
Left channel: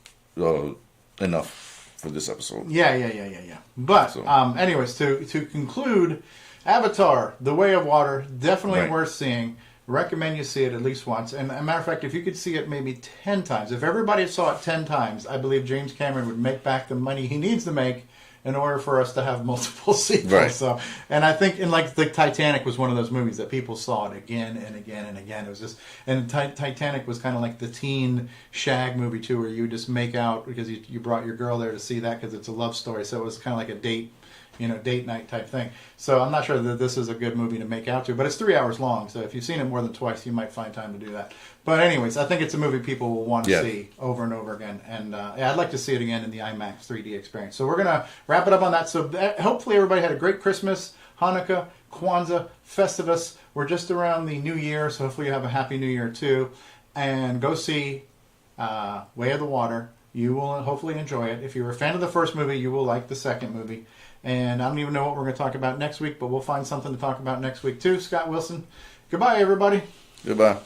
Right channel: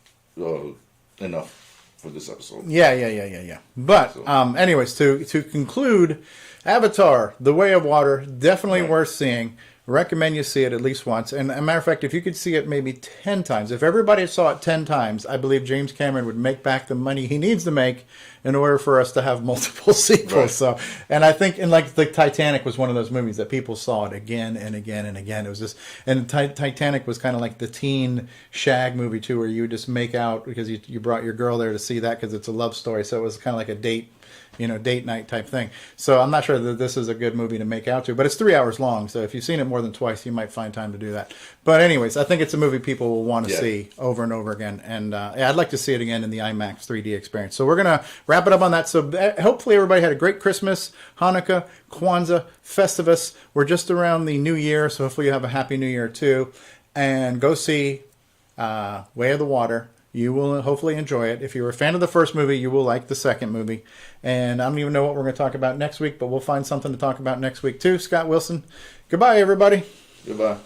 enough for this episode. Yeah. But anyways, to conclude, Avatar: The Way of Water, definitely worth seeing. Recommend you see it at least once. And as a matter of fact, if you could see it maybe 10 times, if everybody saw it 10 times, I believe James Cameron would make back the money he needs to make in order for us to have multiple sequels. Right. So, and I think, and like the Titanic was one of those movies that people saw it again and again and again. It was just, and Titanic was kind of like the teen shag movie too, where you would just make out because you brought your girl there to see that because it's a love story. So it was kind of like a date night type thing. So I'm not sure that this is a good movie to make out to, but it's 3 hours long. So if you've seen it more than twice, you might find time to do that. But anyways, I think it's a movie people will want to see over and over again. And I'd like to see it again in the IMAX 3D experience. So we're going to wrap it up on that. So hopefully everybody had a great Christmas, Hanukkah, Kwanzaa, Festivus. We're just around the New Year. So hopefully you have a happy New Year too. And go see Way of the Water. You will hopefully enjoy it. If you're a fan of the first movie, you will like the second movie. And I don't even know what we're going to talk about next week, but we'll find something to talk about next week too. Scott Wilson. Goodbye, everybody. Goodbye.